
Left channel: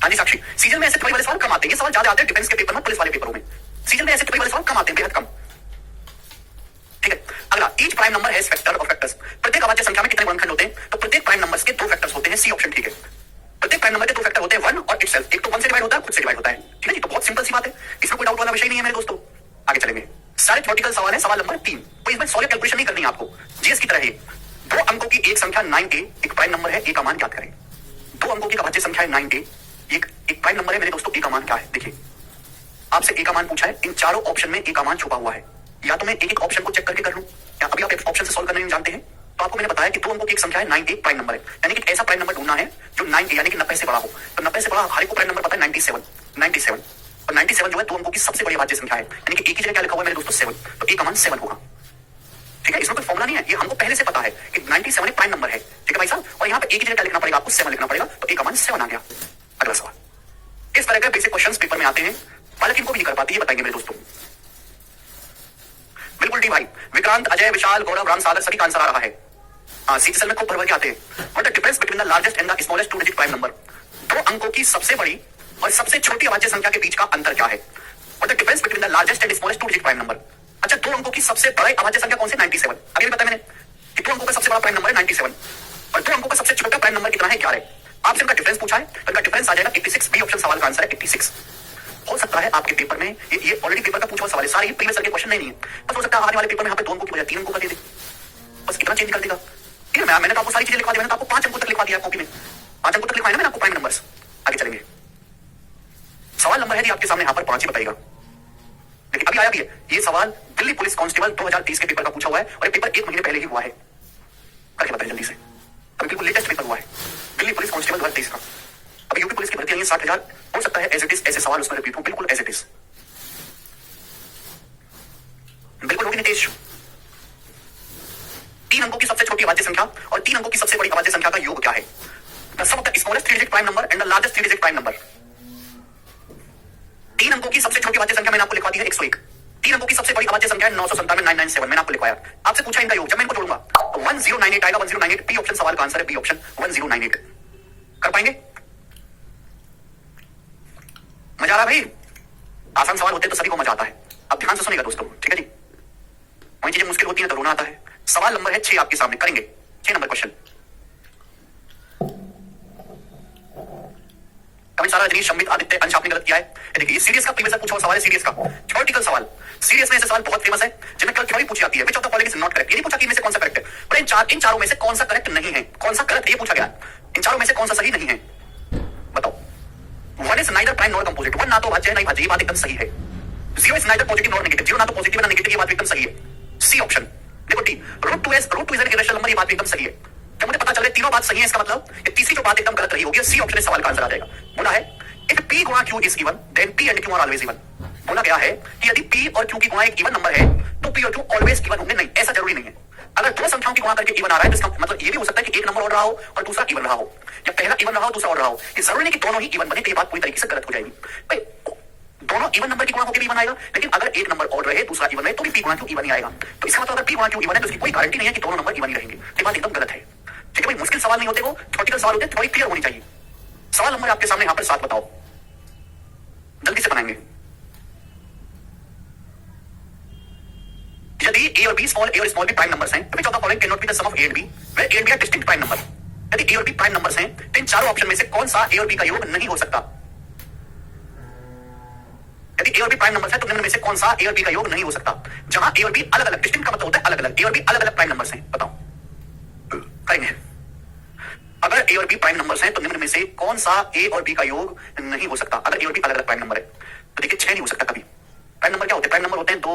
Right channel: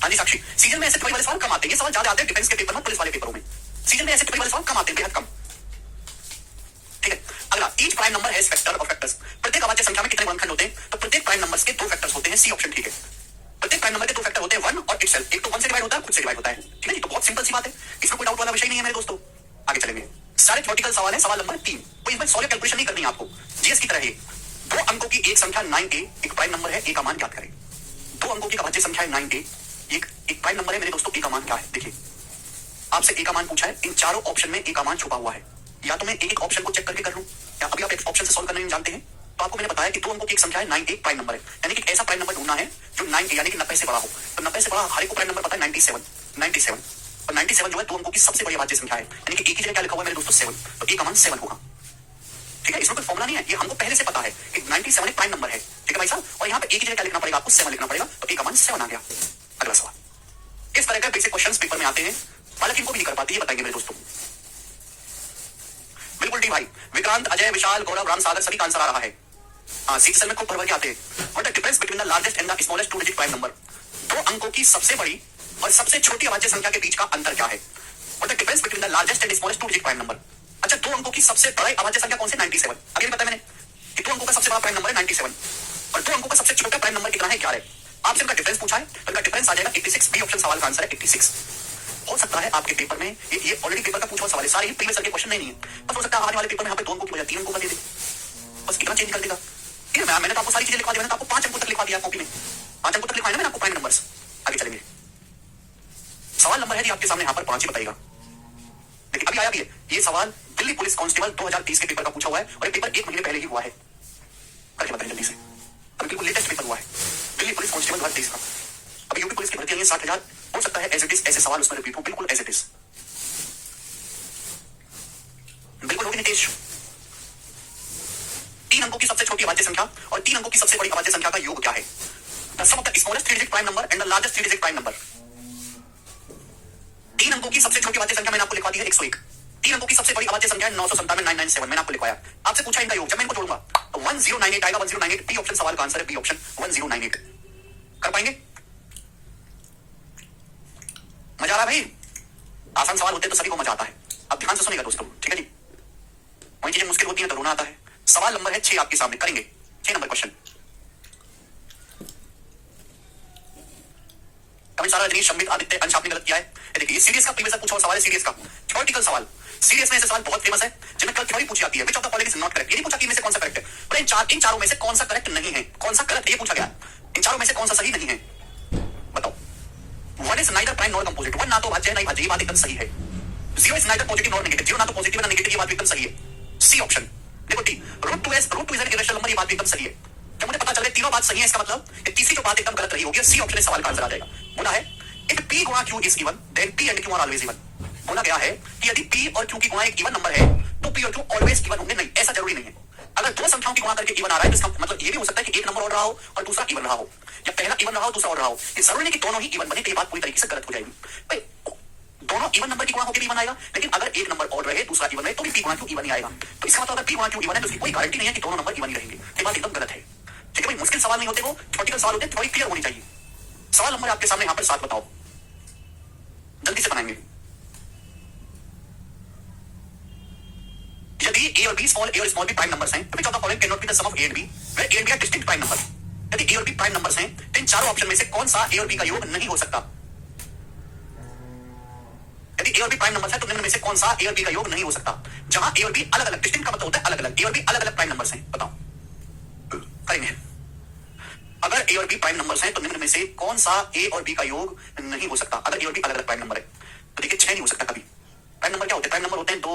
हाँ जी साक्षी, सीजन में ऐसे थ्योरी वाले सवाल कम आते हैं, ये सवाल ज्यादा आते हैं डिफेंस के पेपर में, पुलिस वाले पेपरों में। सीजन में ऐसे थ्योरी वाले सवाल कम आते हैं, बेहद कम, ठीक है? अगला, each prime number has factor और फैक्टर्स। प्रत्येक अभाज्य संख्या में कितने गुणनखंड होते हैं? तो प्रत्येक प्राइम नंबर्स के 2 फैक्टर्स होते हैं, सी ऑप्शन ठीक है। प्रत्येक प्राइम नंबर के 2 फैक्टर होते हैं, 1 और इटसेल्फ। एक तो 1 से डिवाइड होता है, खुद से डिवाइड होता है, ठीक है जी? तो बहुत सिंपल सी बात है, इसमें कोई डाउट वाला विषय नहीं है मेरे दोस्तों। आगे चलेंगे, सारे थ्योरेटिकल सवाल है। सवाल नंबर 3, कोई इसमें सॉल्व कैलकुलेशन नहीं करनी है आपको, जीएस की तरह है। 2 अंकों की एक संख्या 9a एक प्राइम नंबर है, ए का मान ज्ञात करें। 2 अंकों की अभाज्य संख्या है 9a, एक प्राइम नंबर है मेरे दोस्तों, ए का मान क्या है? देखिए, आपसे ए का मान पूछा है, इन चारों ऑप्शन में ए का मान छुपा हुआ है। या तो मैं एक एक ऑप्शन को चेक करके कर लूं, या अभी आप ऑप्शन से सॉल्व करने नहीं जानते हैं तो आपको मैंने बताया कि 2 अंकों की एक संख्या है 9a प्राइम नंबर है, यानी कि ऐसा प्राइम नंबर ढूंढना है जो 9a यानी कि 90 से बड़ा हो। तो 90 से बड़ा हर एक को प्राइम नंबर पता है 97 और 97 जो है 2 अंकों की सबसे बड़ी अभाज्य संख्या है, यानी कि ए की जगह क्या लिखा हुआ है मेरे दोस्तों 7, तो ए का मान 7 होगा, ठीक है? इसमें कोई फॉर्मुला नहीं है, ये हमको पहले से पता है कि 97 एक प्राइम नंबर है, ठीक है भाई साहब? और यहाँ पे ए की जगह क्या लिखना पड़ेगा? आपको 7 लिखना पड़ेगा, तो ए का मान 7 आ गया। अगला सवाल, इस तरह के बेसिक क्वेश्चंस पेपर में आते हैं, बालक इनको भी नहीं कर पाती, ये बताएंगे मेरे दोस्तों। बिल्कुल डी भाई, विक्रांत, अजय, विशाल, गौरव, राम, सागर सभी का आंसर आ रहा है। सी सेल में खूब भर के आते हैं। What the difference between the largest and the smallest 2 digit prime number? 2 अंकों की सबसे बड़ी और सबसे छोटी अभाज्य संख्या के बीच का अंतर क्या है? What the difference between the largest and smallest 2 digit prime number? अच्छा, 2 अंकों की सबसे बड़ी अभाज्य संख्या कौन सी? 97। अभी भी बताया मैंने कि 2 अंकों का सबसे बड़ा प्राइम नंबर है 97 और 2 अंकों का सबसे छोटा प्राइम नंबर कितना है? 11। आपसे इनका डिफरेंस पूछा है, तो इनका डिफरेंस आ जाएगा 86। बी ऑप्शन सवाल का आंसर है 86। हो सकता है आपके पेपर में ये ऑलरेडी पेपर का पूछा हुआ सवाल है, सारे ही प्रीवियस के क्वेश्चन नहीं है, बस हो सकता है आने वाले पेपर में यहाँ पे 2 अंकों की बजाय 3 अंकों का दे दे, बस कितना चेंज कर देगा, ठीक है? मैंने तो आपको सारी चीजें लिखवा दी, मैंने तो आपको 5 अंकों तक लिखवा दिया कॉपी में, 5 अंकों तक लिखवाया ना मैंने आपको प्राइम नंबर्स। आगे चलेंगे, सवाल नंबर है जी आपके सामने यहाँ पर 5 ही बताइएगा, लेकिन अभी आया भी है ये सवाल। दिल्ली पुलिस कांस्टेबल 2030 के पेपर का पूछा हुआ है और ये पेपर 1 महीने पहले ही हुआ है, करके बताइए जल्दी से, अभी बिल्कुल लेटेस्ट पेपर हुआ है दिल्ली पुलिस कांस्टेबल 2023 का। अभी यूपी पुलिस की भर्ती आई है 60,000, हो सकता है एज इट इज ऐसे सवाल उसमें रिपीट हो, बिल्कुल एज इट इज, बिल्कुल होगी नितेश। 3 अंकों की सबसे छोटी अभाज्य संख्या और 3 अंकों की सबसे बड़ी अभाज्य संख्या का योग क्या है? The sum of the smallest 3 digit prime number and the largest 3 digit prime number. 3 अंकों की सबसे छोटी अभाज्य संख्या मैंने आपको लिखवा दी है 101। 3 अंकों की सबसे बड़ी अभाज्य संख्या है 997 मैंने आपको लिखवाया। आपसे पूछा इनका योग, जब मैं इनको जोड़ूंगा तो 1098 आएगा। 1098 बी ऑप्शन सवाल का आंसर है, बी ऑप्शन 1098। कर पाएंगे? मजा आ रहा है भाई? आसान सवाल होते हैं तो सभी को मजा आता है। अब ध्यान से सुनेगा दोस्तों, ठीक है जी? वही चीजें मुश्किल होती हैं तो रोना आता है। सवाल नंबर है 6 आपके सामने, करेंगे 6 नंबर क्वेश्चन। कमेंट सारा रजनीश, संबित, आदित्य, अंश आपने गलत किया है। देखिए सीरीज का प्रीवियस पूछा हुआ सवाल है, सीरीज का थ्योरेटिकल सवाल। सीरीज में ऐसे सवाल बहुत फेमस है जिनमें कल थ्योरी पूछी जाती है। Which of the following is not correct. ये नहीं पूछा कि इनमें से कौन सा करेक्ट है, पर इन चारों में से कौन सा करेक्ट नहीं है, कौन सा गलत है ये पूछा गया। इन चारों में से कौन सा सही नहीं है बताओ। One is neither prime nor composite. One ना तो भाज्य है नहीं भाज्य, ये बात एकदम सही है। Zero is neither positive nor negative. Zero ना तो पॉजिटिव ना नेगेटिव, ये बात एकदम सही है। C option. देखो T root two is an irrational number, ये बात एकदम सही है। जब मुझे पता चल रहा है तीनों बात सही है, इसका मतलब ये तीसरी जो बात एकदम गलत रही होगी। सी ऑप्शन इस सवाल का आंसर आ जाएगा। बोला है इफ p गुणा q is even then p and q are always even. बोला गया है कि यदि p और q की गुणा एक इवन नंबर है तो p और q ऑलवेज इवन होंगे। नहीं, ऐसा जरूरी नहीं है। अगर दो संख्याओं की गुणा करके इवन आ रहा है तो इसका मतलब ये भी हो सकता है कि एक नंबर और रहा हो और दूसरा इवन रहा हो, या पहला इवन रहा हो दूसरा और रहा हो। ये जरूरी नहीं कि दोनों ही इवन बने, तो ये बात पूरी तरीके से गलत हो जाएगी। भाई दोनों इवन नंबर की गुणा होकर भी इवन आएगा, लेकिन अगर एक नंबर और रहे दूसरा इवन रहे तो भी p गुणा q इवन ही आएगा। तो इसका मतलब अगर p गुणा q इवन है तो इसकी कोई गारंटी नहीं है कि दोनों नंबर इवन ही रहेंगे। ये बात एकदम गलत है। ठीक है भाई, मुश्किल सवाल नहीं होते, वो थ्योरेटिकल सवाल होते हैं, थोड़ी क्लियर होनी चाहिए। सवाल नंबर आपके सामने यहाँ पर 7 बताओ, जल्दी से बनाएंगे। यदि a और b स्मॉल a और स्मॉल b प्राइम नंबर्स हैं, तो which of the following cannot be the sum of a and b, where a and b are distinct prime number। यदि a और b प्राइम नंबर्स हैं तो इन चारों ऑप्शन में से कौन सा a और b का योग नहीं हो सकता? यदि a और b प्राइम नंबर्स हैं तो निम्न में से कौन सा a और b का योग नहीं हो सकता? जहां a और b अलग अलग, डिस्टिंक्ट का मतलब होता है अलग अलग, a और b अलग अलग प्राइम नंबर्स हैं, बताओ करेंगे। अगर a और b प्राइम नंबर्स हैं तो निम्न में से कौन सा a और b का योग नहीं हो सकता? अगर a और b अलग अलग प्राइम नंबर है तो देखिए 6 नहीं हो सकता कभी। प्राइम नंबर क्या होते हैं? प्राइम नंबर होते हैं 2,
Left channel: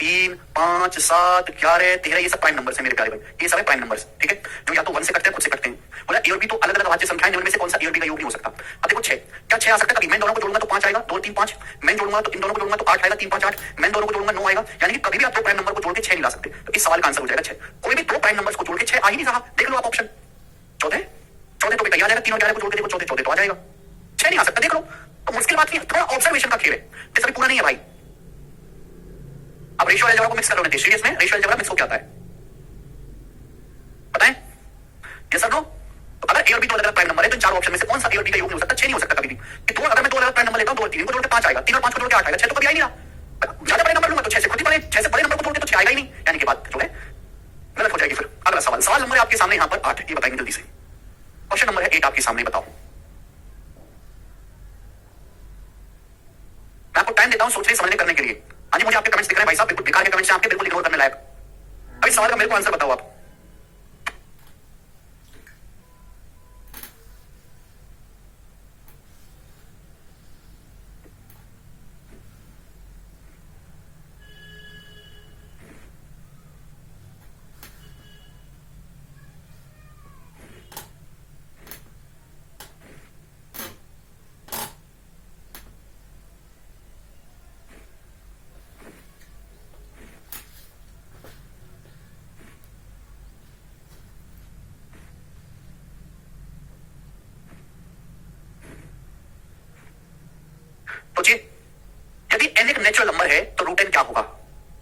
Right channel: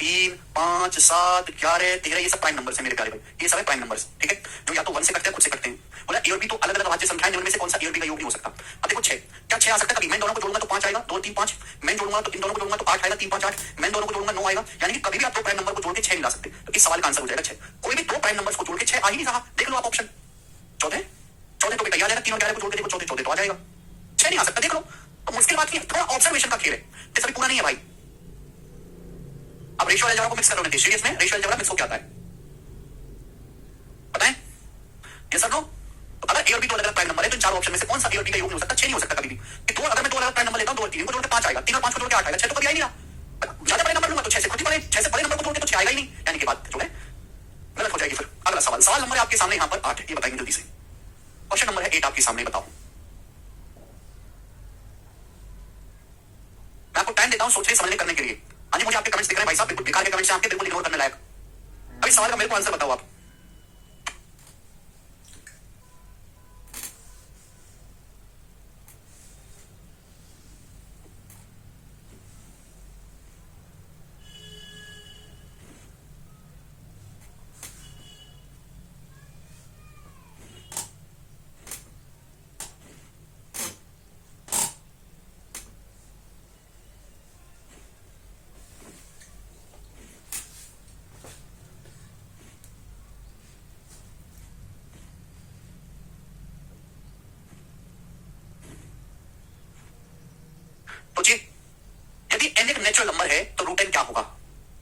3, 5, 7, 11, 13, ये सब प्राइम नंबर है मेरे प्यारे भाई, ये सब है प्राइम नंबर, ठीक है, जो या तो 1 से कटते हैं खुद से कटते हैं। बोला ए और बी तो अलग अलग अभाज्य संख्याएं, निम्न में से कौन सा ए और बी का योग नहीं हो सकता? अब देखो 6, क्या 6 आ सकता है कभी? मैं दोनों को जोड़ूंगा तो 5 आएगा, 2, 3, 5, मैं जोड़ूंगा तो इन दोनों को जोड़ूंगा तो 8 आएगा, 3, 5, 8, मैं दोनों को जोड़ूंगा 9 आएगा। यानी कि कभी भी आप दो प्राइम नंबर को जोड़ के 6 नहीं ला सकते। तो इस सवाल का आंसर हो जाएगा 6। कोई भी दो प्राइम नंबर्स को जोड़ के 6 आ ही नहीं रहा। देख लो आप ऑप्शन 14 14 तो बेटा आ जाएगा, 3 और 11 को जोड़ के देखो 14 तो आ जाएगा, 6 नहीं आ सकता। देख लो, तो मुश्किल बात नहीं है, थोड़ा ऑब्जर्वेशन का खेल है, जैसे पूरा नहीं है भाई। अब रेशियो अलजेब्रा को मिक्स कर लो नहीं, सीरीज में रेशियो अलजेब्रा मिक्स हो क्या आता है बताएं? Yes sir no? तो अगर ए और बी दो अलग अलग प्राइम नंबर है तो इन चारों ऑप्शन में से कौन सा ए और बी का योग नहीं हो सकता? 6 नहीं हो सकता कभी भी। कि दो, अगर मैं दो अलग प्राइम नंबर लेता हूं, 2 और 3 को जोड़ के 5 आएगा, 3 और 5 को जोड़ के 8 आएगा, 6 तो कभी आ ही नहीं रहा। ज्यादा बड़े नंबर लूंगा तो 6 से खुद ही बड़े, 6 से बड़े नंबर को जोड़ के तो 6 आएगा ही नहीं, यानी कि बात जो है गलत हो जाएगी। फिर अगला सवाल, सवाल नंबर है आपके सामने यहाँ पर 8, ये बताएंगे जल्दी से। क्वेश्चन नंबर है 8 आपके सामने, बताओ। मैं आपको टाइम देता हूं सोचने समझने करने के लिए। हाँ जी, मुझे आपके कमेंट्स दिख रहे हैं भाई साहब, बिल्कुल बेकार के कमेंट्स हैं आपके, बिल्कुल इग्नोर करने लायक। अभी सवाल का मेरे को आंसर बताओ आप। सोचिए, यदि n एक नेचुरल नंबर है तो रूट n क्या होगा?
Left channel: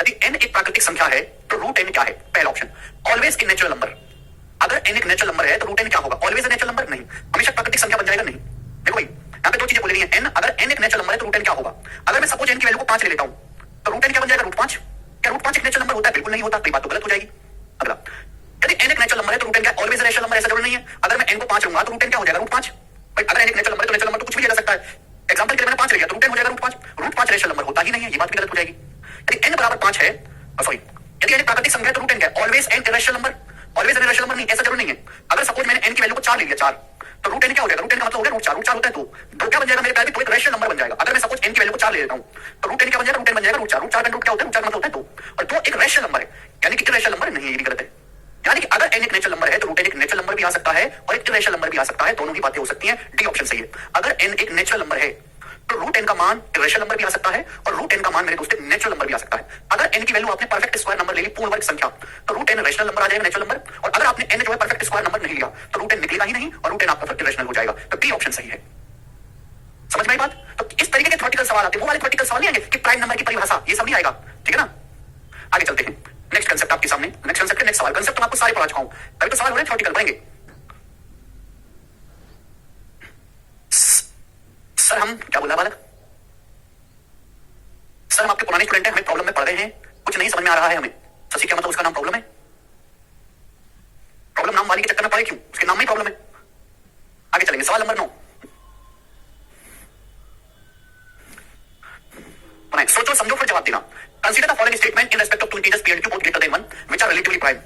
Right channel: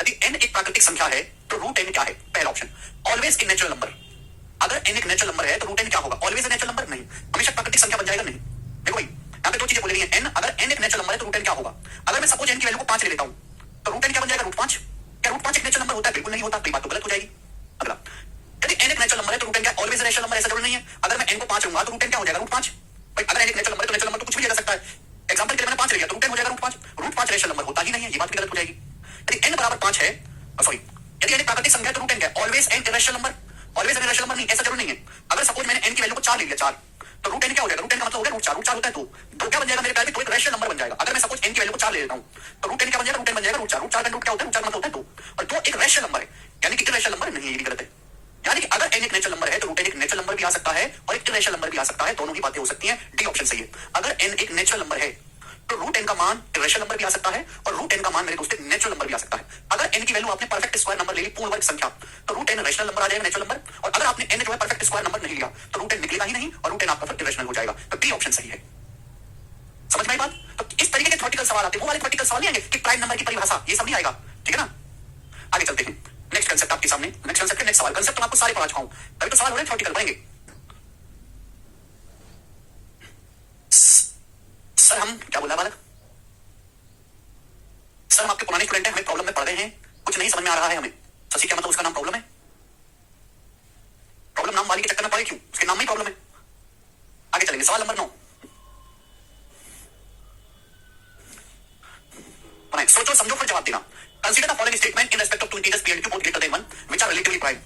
यदि n एक प्राकृतिक संख्या है तो रूट n क्या है? पहला option always in natural number. अगर n एक नेचुरल नंबर है तो रूट n क्या होगा? ऑलवेज नेचुरल नंबर नहीं, हमेशा प्राकृतिक संख्या बन जाएगा नहीं। देखो भाई, यहाँ पे दो चीजें बोली गई हैं। n, अगर n एक नेचुरल नंबर है तो रूट n क्या होगा? अगर मैं सपोज n की वैल्यू को 5 ले लेता हूं तो रूट n क्या बन जाएगा? रूट 5। क्या रूट 5 एक नेचुरल नंबर होता है? बिल्कुल नहीं होता, तो बात तो गलत हो जाएगी। अगला, यदि n एक नेचुरल नंबर है तो रूट n क्या? ऑलवेज नेचुरल नंबर, ऐसा जरूरी नहीं है। अगर मैं n को 5 लूंगा तो रूट n क्या हो जाएगा? रूट 5। भाई अगर n एक नेचुरल नंबर है तो नेचुरल नंबर तो कुछ भी ले सकता है। एग्जांपल के लिए मैंने 5 ले लिया तो रूट n हो जाएगा रूट 5। रूट 5 रेशनल नंबर होता ही नहीं है, ये बात भी गलत हो जाएगी। यदि n बराबर 5 है, सॉरी, यदि n प्राकृतिक संख्या है तो रूट n क्या है? Always n irrational number. Always n irrational number नहीं, ऐसा जरूरी नहीं है। अगर सपोज मैंने n की वैल्यू को 4 ले लिया, 4, तो रूट n क्या हो जाएगा? रूट n का मतलब हो गया रूट 4। रूट 4 होता है 2, 2 क्या बन जाएगा मेरे प्यारे? तो एक रेशनल नंबर बन जाएगा। अगर मैं सपोज n की वैल्यू को 4 ले लेता हूं तो रूट n क्या बन जाएगा? रूट n बन जाएगा रूट 4। रूट 4 का रूट क्या होता है? रूट 4 का मतलब होता है 2, और 2 एक रेशनल नंबर है, यानी कि इरेशनल नंबर नहीं है, ये भी गलत है। यानी कि अगर n एक नेचुरल नंबर है तो रूट n एक नेचुरल नंबर भी आ सकता है और एक इरेशनल नंबर भी आ सकता है, दोनों ही बातें हो सकती हैं। डी ऑप्शन सही है। अगर n एक नेचुरल नंबर है तो रूट n का मान इरेशनल नंबर भी आ सकता है और रूट n का मान मेरे दोस्तों नेचुरल नंबर भी आ सकता है। अगर n की वैल्यू आपने परफेक्ट स्क्वायर नंबर ले ली, पूर्ण वर्ग संख्या, तो रूट n रेशनल नंबर आ जाएगा, नेचुरल नंबर। और अगर आपने n जो है परफेक्ट स्क्वायर नंबर नहीं लिया तो रूट n निकलेगा ही नहीं और रूट n आपका फिर इरेशनल हो जाएगा। तो डी ऑप्शन सही है। समझ में आई बात? तो इस तरीके के थ्योरेटिकल सवाल आते हैं, वो वाले थ्योरेटिकल सवाल नहीं आएंगे कि प्राइम नंबर की परिभाषा, ये सब नहीं आएगा। ठीक है ना? आगे चलते हैं। नेक्स्ट कंसेप्ट आपके सामने, नेक्स्ट कंसेप्ट के नेक्स्ट सवाल। कंसेप्ट मैं आपको सारे पढ़ा चुका हूं, तभी तो सवाल हो रहे हैं थ्योरेटिकल पढ़ेंगे। सर हम क्या बोला बालक? सर हम आपके पुराने स्टूडेंट हैं, हमें प्रॉब्लम में पढ़ रहे हैं, कुछ नहीं समझ में आ रहा है हमें। शशि क्या मतलब उसका नाम प्रॉब्लम है? प्रॉब्लम नाम वाली के चक्कर में पड़े क्यों? उसके नाम में ही प्रॉब्लम है। आगे चलेंगे, सवाल नंबर 9। सोचो समझो फिर जवाब देना। Consider the following statement in respect of two integers P और Q both greater than 1 which are relatively prime.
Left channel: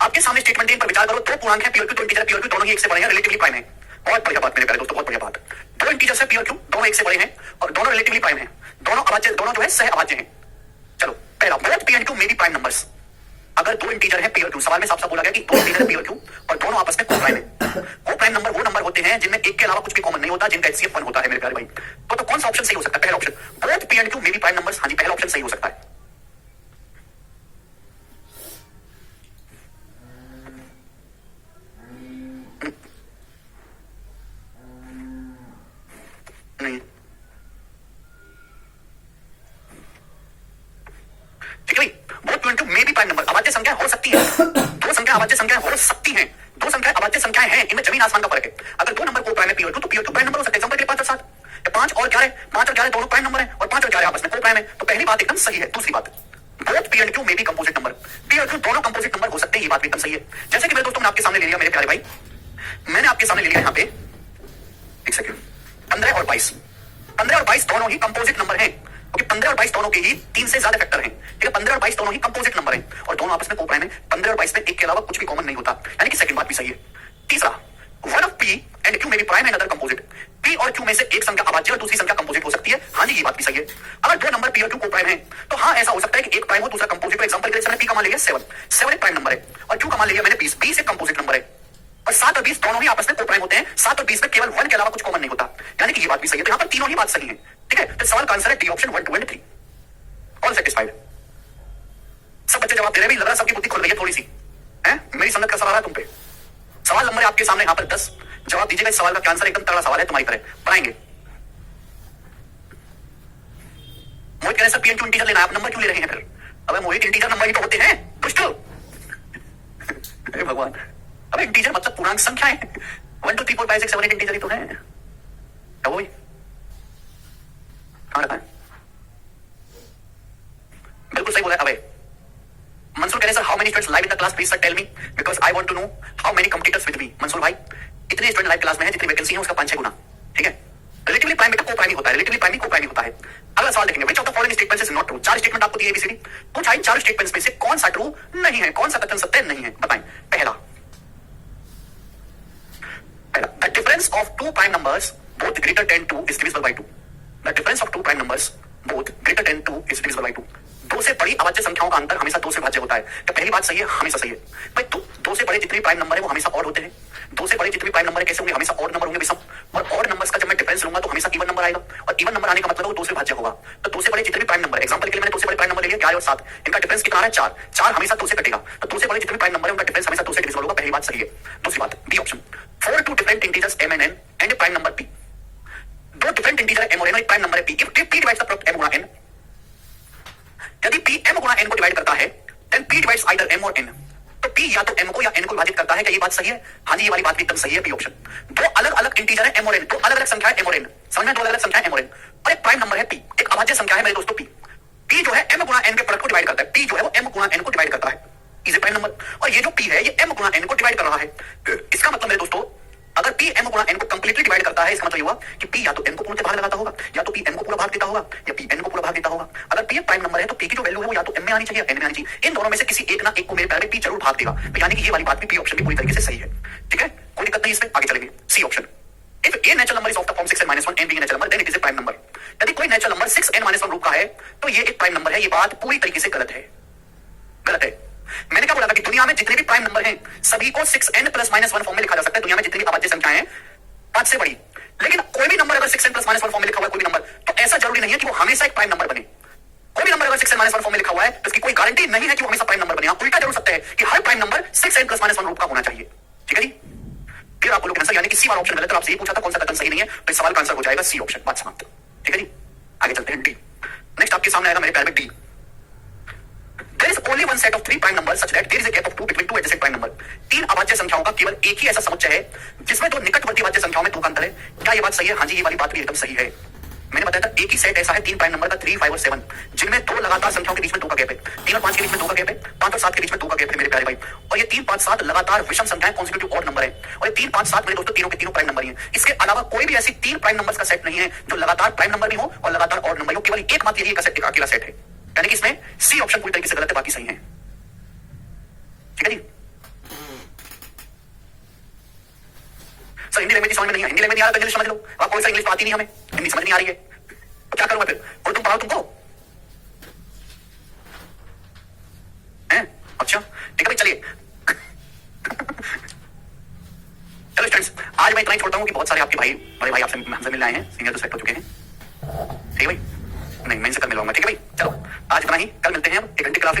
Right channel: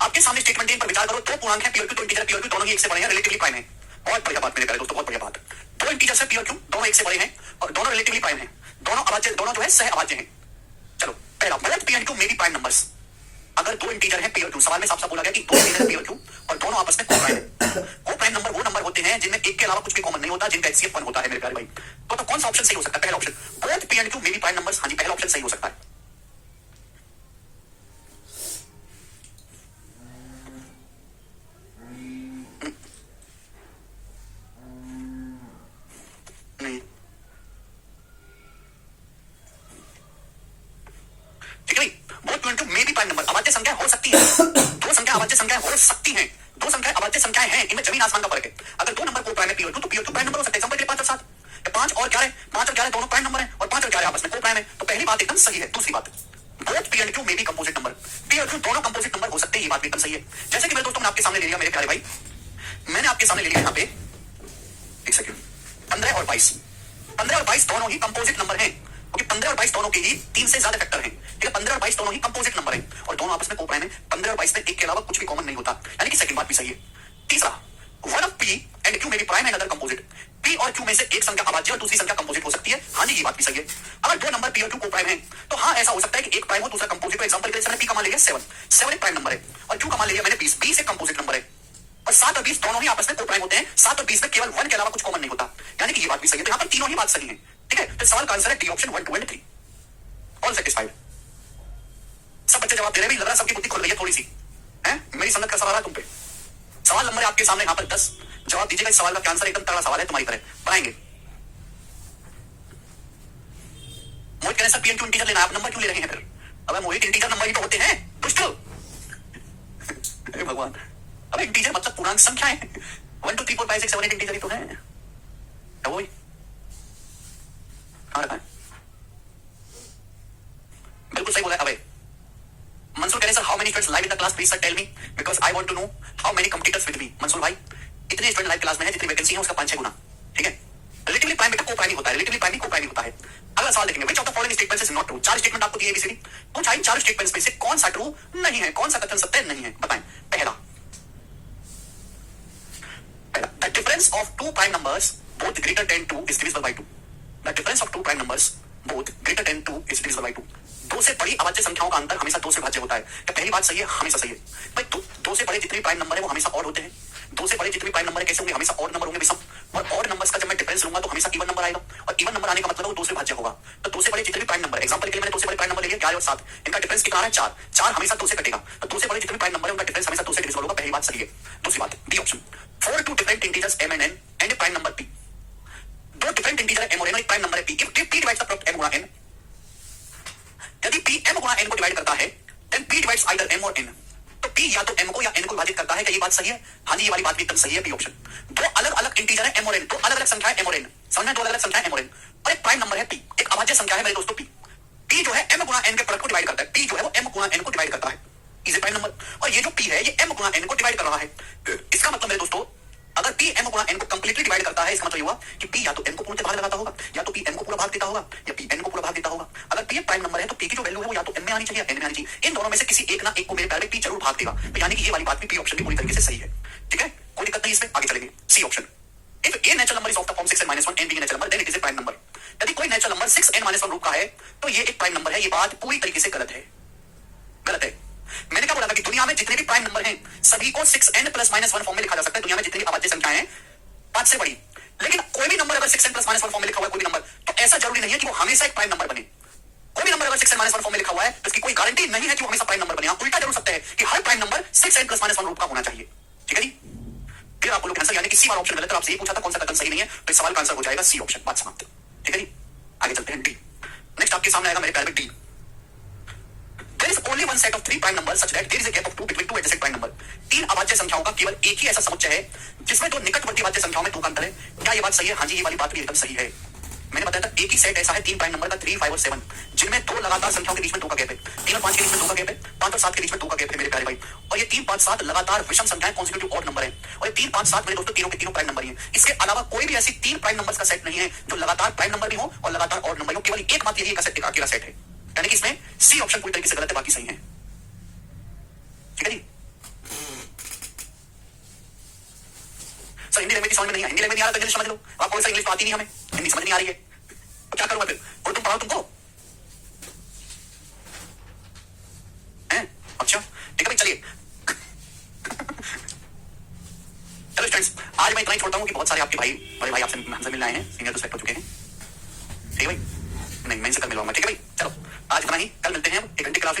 आपके सामने स्टेटमेंट है, इन पर विचार करो। दो पूर्णांक है P और Q, दो इंटीजर P और Q दोनों ही एक से बड़े हैं, रिलेटिवली प्राइम है। बहुत बढ़िया बात मेरे प्यारे दोस्तों, बहुत बढ़िया बात। दो इंटीजर्स है P और Q, दोनों एक से बड़े हैं और दोनों रिलेटिवली प्राइम है, दोनों अभाज्य, दोनों जो है सह अभाज्य हैं। चलो पहला, both P and Q may be prime numbers. अगर दो इंटीजर है P और Q, सवाल में साफ साफ बोला गया कि दो इंटीजर P और Q और दोनों आपस में को-प्राइम है। को-प्राइम नंबर वो नंबर होते हैं जिनमें एक के अलावा कुछ भी कॉमन नहीं होता, जिनका HCF 1 होता है मेरे प्यारे भाई। तो कौन सा ऑप्शन सही हो सकता है? पहला option, both P and Q may be prime numbers. हाँ जी, पहला ऑप्शन सही हो सकता है। नहीं ठीक है भाई, both P and Q may be prime number. अभाज्य संख्या हो सकती है, दो संख्या अभाज्य संख्या हो सकती हैं, दो संख्या अभाज्य संख्याएं हैं, इनमें जमीन आसमान का फर्क है। अगर दो नंबर को प्राइम है P और Q, तो P और Q प्राइम नंबर हो सकते हैं। एग्जांपल के लिए 5 और 7, 5 और 11, 5 और 11 दोनों प्राइम नंबर है और 5 और 11 आपस में को प्राइम है। तो पहली बात एकदम सही है। दूसरी बात, both P and Q may be composite number. P और Q दोनों कंपोजिट नंबर हो सकते हैं, ये बात भी एकदम सही है। जैसे कि मेरे दोस्तों मैंने आपके सामने ले लिया, मेरे प्यारे भाई, मैंने आपके सामने ले लिया यहाँ पे, एक सेकंड, 15 और 22, 15 और 22 दोनों ही कंपोजिट नंबर हैं, क्योंकि 15 और 22 दोनों के ही 3 से ज्यादा फैक्टर हैं। ठीक है, 15 और 22 दोनों ही कंपोजिट नंबर हैं और दोनों आपस में को-प्राइम है। 15 और 22 में एक के अलावा कुछ भी कॉमन नहीं होता, यानी कि सेकंड बात भी सही है। तीसरा, one of P and Q may be prime and other composite. P और Q में से एक संख्या अभाज्य और दूसरी संख्या कंपोजिट हो सकती है। हाँ जी, ये बात भी सही है। अगर दो नंबर P और Q को-प्राइम है तो हाँ ऐसा हो सकता है कि एक प्राइम हो दूसरा कंपोजिट हो। एग्जांपल के लिए मैंने P का मान लिया 7, 7 एक प्राइम नंबर है और Q का मान लिया मैंने 20, 20 एक कंपोजिट नंबर है और 7 और 20 दोनों ही आपस में को-प्राइम होते हैं। 7 और 20 में केवल 1 के अलावा कुछ कॉमन नहीं होता, यानी कि ये बात भी सही है। तो यहाँ पर तीनों ही बात सही है। ठीक है, तो सवाल का आंसर है D option 1, 2 and 3। All satisfied? सब बच्चे जवाब दे रहे हैं, लग रहा है सबकी बुद्धि खुल गई है थोड़ी सी है। मेरी संगत का सवाल है तुम पे। सवाल नंबर है आपके सामने यहाँ पर 10, जवाब दीजिएगा। इस सवाल का आंसर एकदम तगड़ा सवाल है, तुम्हारी तरह बनाएंगे। मोहित कह रहे sir P and Q integer लेना है, आप नंबर क्यों ले रहे हैं फिर? अबे मोहित, इंटीजर नंबर ही तो होते हैं दुष्ट। अरे भगवान, अबे इंटीजर मतलब पूर्णांक संख्या है। 1 2 3 4 5 6 7 8 इंटीजर ही तो है। वो भी कहां रखा है? बिल्कुल सही बोला है। अबे मंसूर कह रहे sir how many students live in the class, please sir tell me because I want to know how many computers with me. Mansoor भाई, इतने स्टूडेंट लाइव क्लास में है जितनी वैकेंसी है उसका 5-6 गुना। ठीक है, रिलेटिवली प्राइम बेटा को-प्राइम होता है, रिलेटिवली प्राइम को-प्राइम होता है। अगला सवाल देखेंगे, which of the following statements is not true. 4 statement आपको दिए ABCD, कुछ आई 4 स्टेटमेंट्स में से कौन सा ट्रू नहीं है, कौन सा कथन सत्य नहीं है, बताएं। पहला, the difference of two prime numbers both greater than 2 is divisible by 2। The difference of two prime numbers both greater than 2 is divisible by 2। दो से बड़ी अभाज्य संख्याओं का अंतर हमेशा 2 से भाज्य होता है। तो पहली बात सही है, हमेशा सही है भाई। दो से बड़े जितने प्राइम नंबर है वो हमेशा ऑड होते हैं। दो से बड़े जितने प्राइम नंबर कैसे होंगे, हमेशा ऑड नंबर होंगे बेशक। और ऑड नंबर्स का जब मैं डिफरेंस लूंगा तो हमेशा इवन नंबर आएगा और इवन नंबर आने का मतलब वो 2 से भाज्य होगा। तो 2 से बड़े जितने भी प्राइम नंबर, एग्जांपल के लिए मैंने 2 से बड़े प्राइम नंबर ले लिया 11 और 7, इनका डिफरेंस कितना है 4, 4 हमेशा 2 से कटेगा। तो 2 से बड़े जितने भी प्राइम नंबर है उनका डिफरेंस हमेशा 2 से डिविजिबल होगा। पहली बात सही है। दूसरी बात, D option, 4 two different integers m and n and prime number p। दो डिफरेंट इंटीजर m और n और एक प्राइम नंबर है p। If p divides the product m गुना n, यदि p m गुना n को डिवाइड करता है then p divides either m और n। तो p या तो m को या n को विभाजित करता है। क्या ये बात सही है? हाँ जी, ये वाली बात भी एकदम सही है, p ऑप्शन। दो अलग अलग इंटीजर है m और n, दो अलग अलग संख्या है m और n, समझना, दो अलग अलग संख्या है m और n और एक प्राइम नंबर है p, एक अभाज्य संख्या है मेरे दोस्तों p। p जो है m गुना n के प्रोडक्ट को डिवाइड करता है, p जो है वो m गुना n को डिवाइड करता है, इज ए प्राइम नंबर। और ये जो p है ये m गुना n को डिवाइड कर रहा है। इसका मतलब मेरे दोस्तों, अगर p m गुना n को कंप्लीटली डिवाइड करता है, इसका मतलब ये हुआ कि p या तो m को पूर्ण भाग लगाता होगा, या तो p m को पूरा भाग देता होगा, या p n को पूरा भाग देता होगा। अगर p एक प्राइम नंबर है तो p की जो वैल्यू है वो या तो m में आनी चाहिए या n में आनी चाहिए। इन दोनों में से किसी एक ना एक को मेरे प्यारे p जरूर भाग देगा। तो यानी कि ये वाली बात भी p ऑप्शन की पूरी तरीके से सही है। ठीक है, कोई दिक्कत नहीं इसमें। आगे चलेंगे, C option, if a natural number is of the form 6n - 1 n being a natural number then it is a prime number। यदि कोई नेचुरल नंबर 6n - 1 रूप का है तो ये एक प्राइम नंबर है। ये बात पूरी तरीके से गलत है, गलत है। मैंने क्या बोला था कि दुनिया में जितने भी प्राइम नंबर हैं सभी को 6n प्लस माइनस 1 फॉर्म में लिखा जा सकता है। दुनिया में जितनी भी अभाज्य संख्याएं हैं 5 से बड़ी, लेकिन कोई भी नंबर अगर 6n प्लस माइनस 1 फॉर्म में लिखा हुआ है, कोई भी नंबर, तो ऐसा जरूरी नहीं है कि वो हमेशा एक प्राइम नंबर बने। कोई भी नंबर अगर 6n माइनस 1 फॉर्म में लिखा हुआ है तो इसकी कोई गारंटी नहीं है कि वो हमेशा प्राइम नंबर बने। उल्टा जरूर सकता है कि हर prime number 6n plus minus 1 रूप का होना चाहिए। ठीक है जी, फिर आप बोलोगे आंसर यानी कि सी वाला ऑप्शन गलत है। आपसे ये पूछा था कौन सा कथन सही नहीं है, तो इस सवाल का आंसर हो जाएगा सी ऑप्शन। बात समाप्त। ठीक है जी, आगे चलते हैं डी। नेक्स्ट आपके सामने आएगा मेरे प्यारे में D. There is only one set of three prime numbers such that there is a gap of 2 between two adjacent prime number। तीन अभाज्य संख्याओं का केवल एक ही ऐसा समुच्चय है जिसमें दो निकटवर्ती अभाज्य संख्याओं में 2 का अंतर है। क्या ये बात सही है? हाँ जी, ये वाली बात भी एकदम सही है। मैंने बताया था एक ही सेट ऐसा है तीन प्राइम नंबर का 3, 5 और 7 जिनमें दो लगातार संख्याओं के बीच में 2 का गैप है। 3 और 5 के बीच में 2 का गैप है, 5 और 7 के बीच में 2 का गैप है मेरे प्यारे भाई। और ये 3, 5, 7 लगातार विषम संख्याएं कॉन्सिक्यूटिव ऑड नंबर है। और ये 3, 5, 7 मेरे दोस्तों तीनों के तीनों प्राइम नंबर ही है। इसके अलावा कोई भी ऐसी 3 प्राइम नंबर्स का सेट नहीं है जो लगातार प्राइम नंबर भी हो और लगातार ऑड नंबर हो। केवल एकमात्र यही एक अकेला सेट है, यानी कि इसमें सी ऑप्शन पूरी तरीके से गलत है, बाकी सही है। ठीक है जी सर, हिंदी लैंग्वेज समझ में नहीं है, हिंदी लैंग्वेज नहीं आ रहा तो इंग्लिश समझ लो। आपको ऐसा इंग्लिश आती नहीं, हमें हिंदी समझ नहीं आ रही है तो क्या करूंगा फिर? और तुम पढ़ाओ तुमको हैं? अच्छा ठीक है भाई, चलिए चलो स्टूडेंट्स, आज मैं इतना ही छोड़ता हूं कि बहुत सारे आपके भाई बड़े भाई आपसे हमसे मिलने आए हैं, सीनियर तो सेलेक्ट हो चुके हैं। ठीक है भाई, नहीं मैं इनसे कल मिलूंगा। ठीक है भाई, चलो आज इतना ही, कल मिलते हैं हम 1 घंटे क्लास।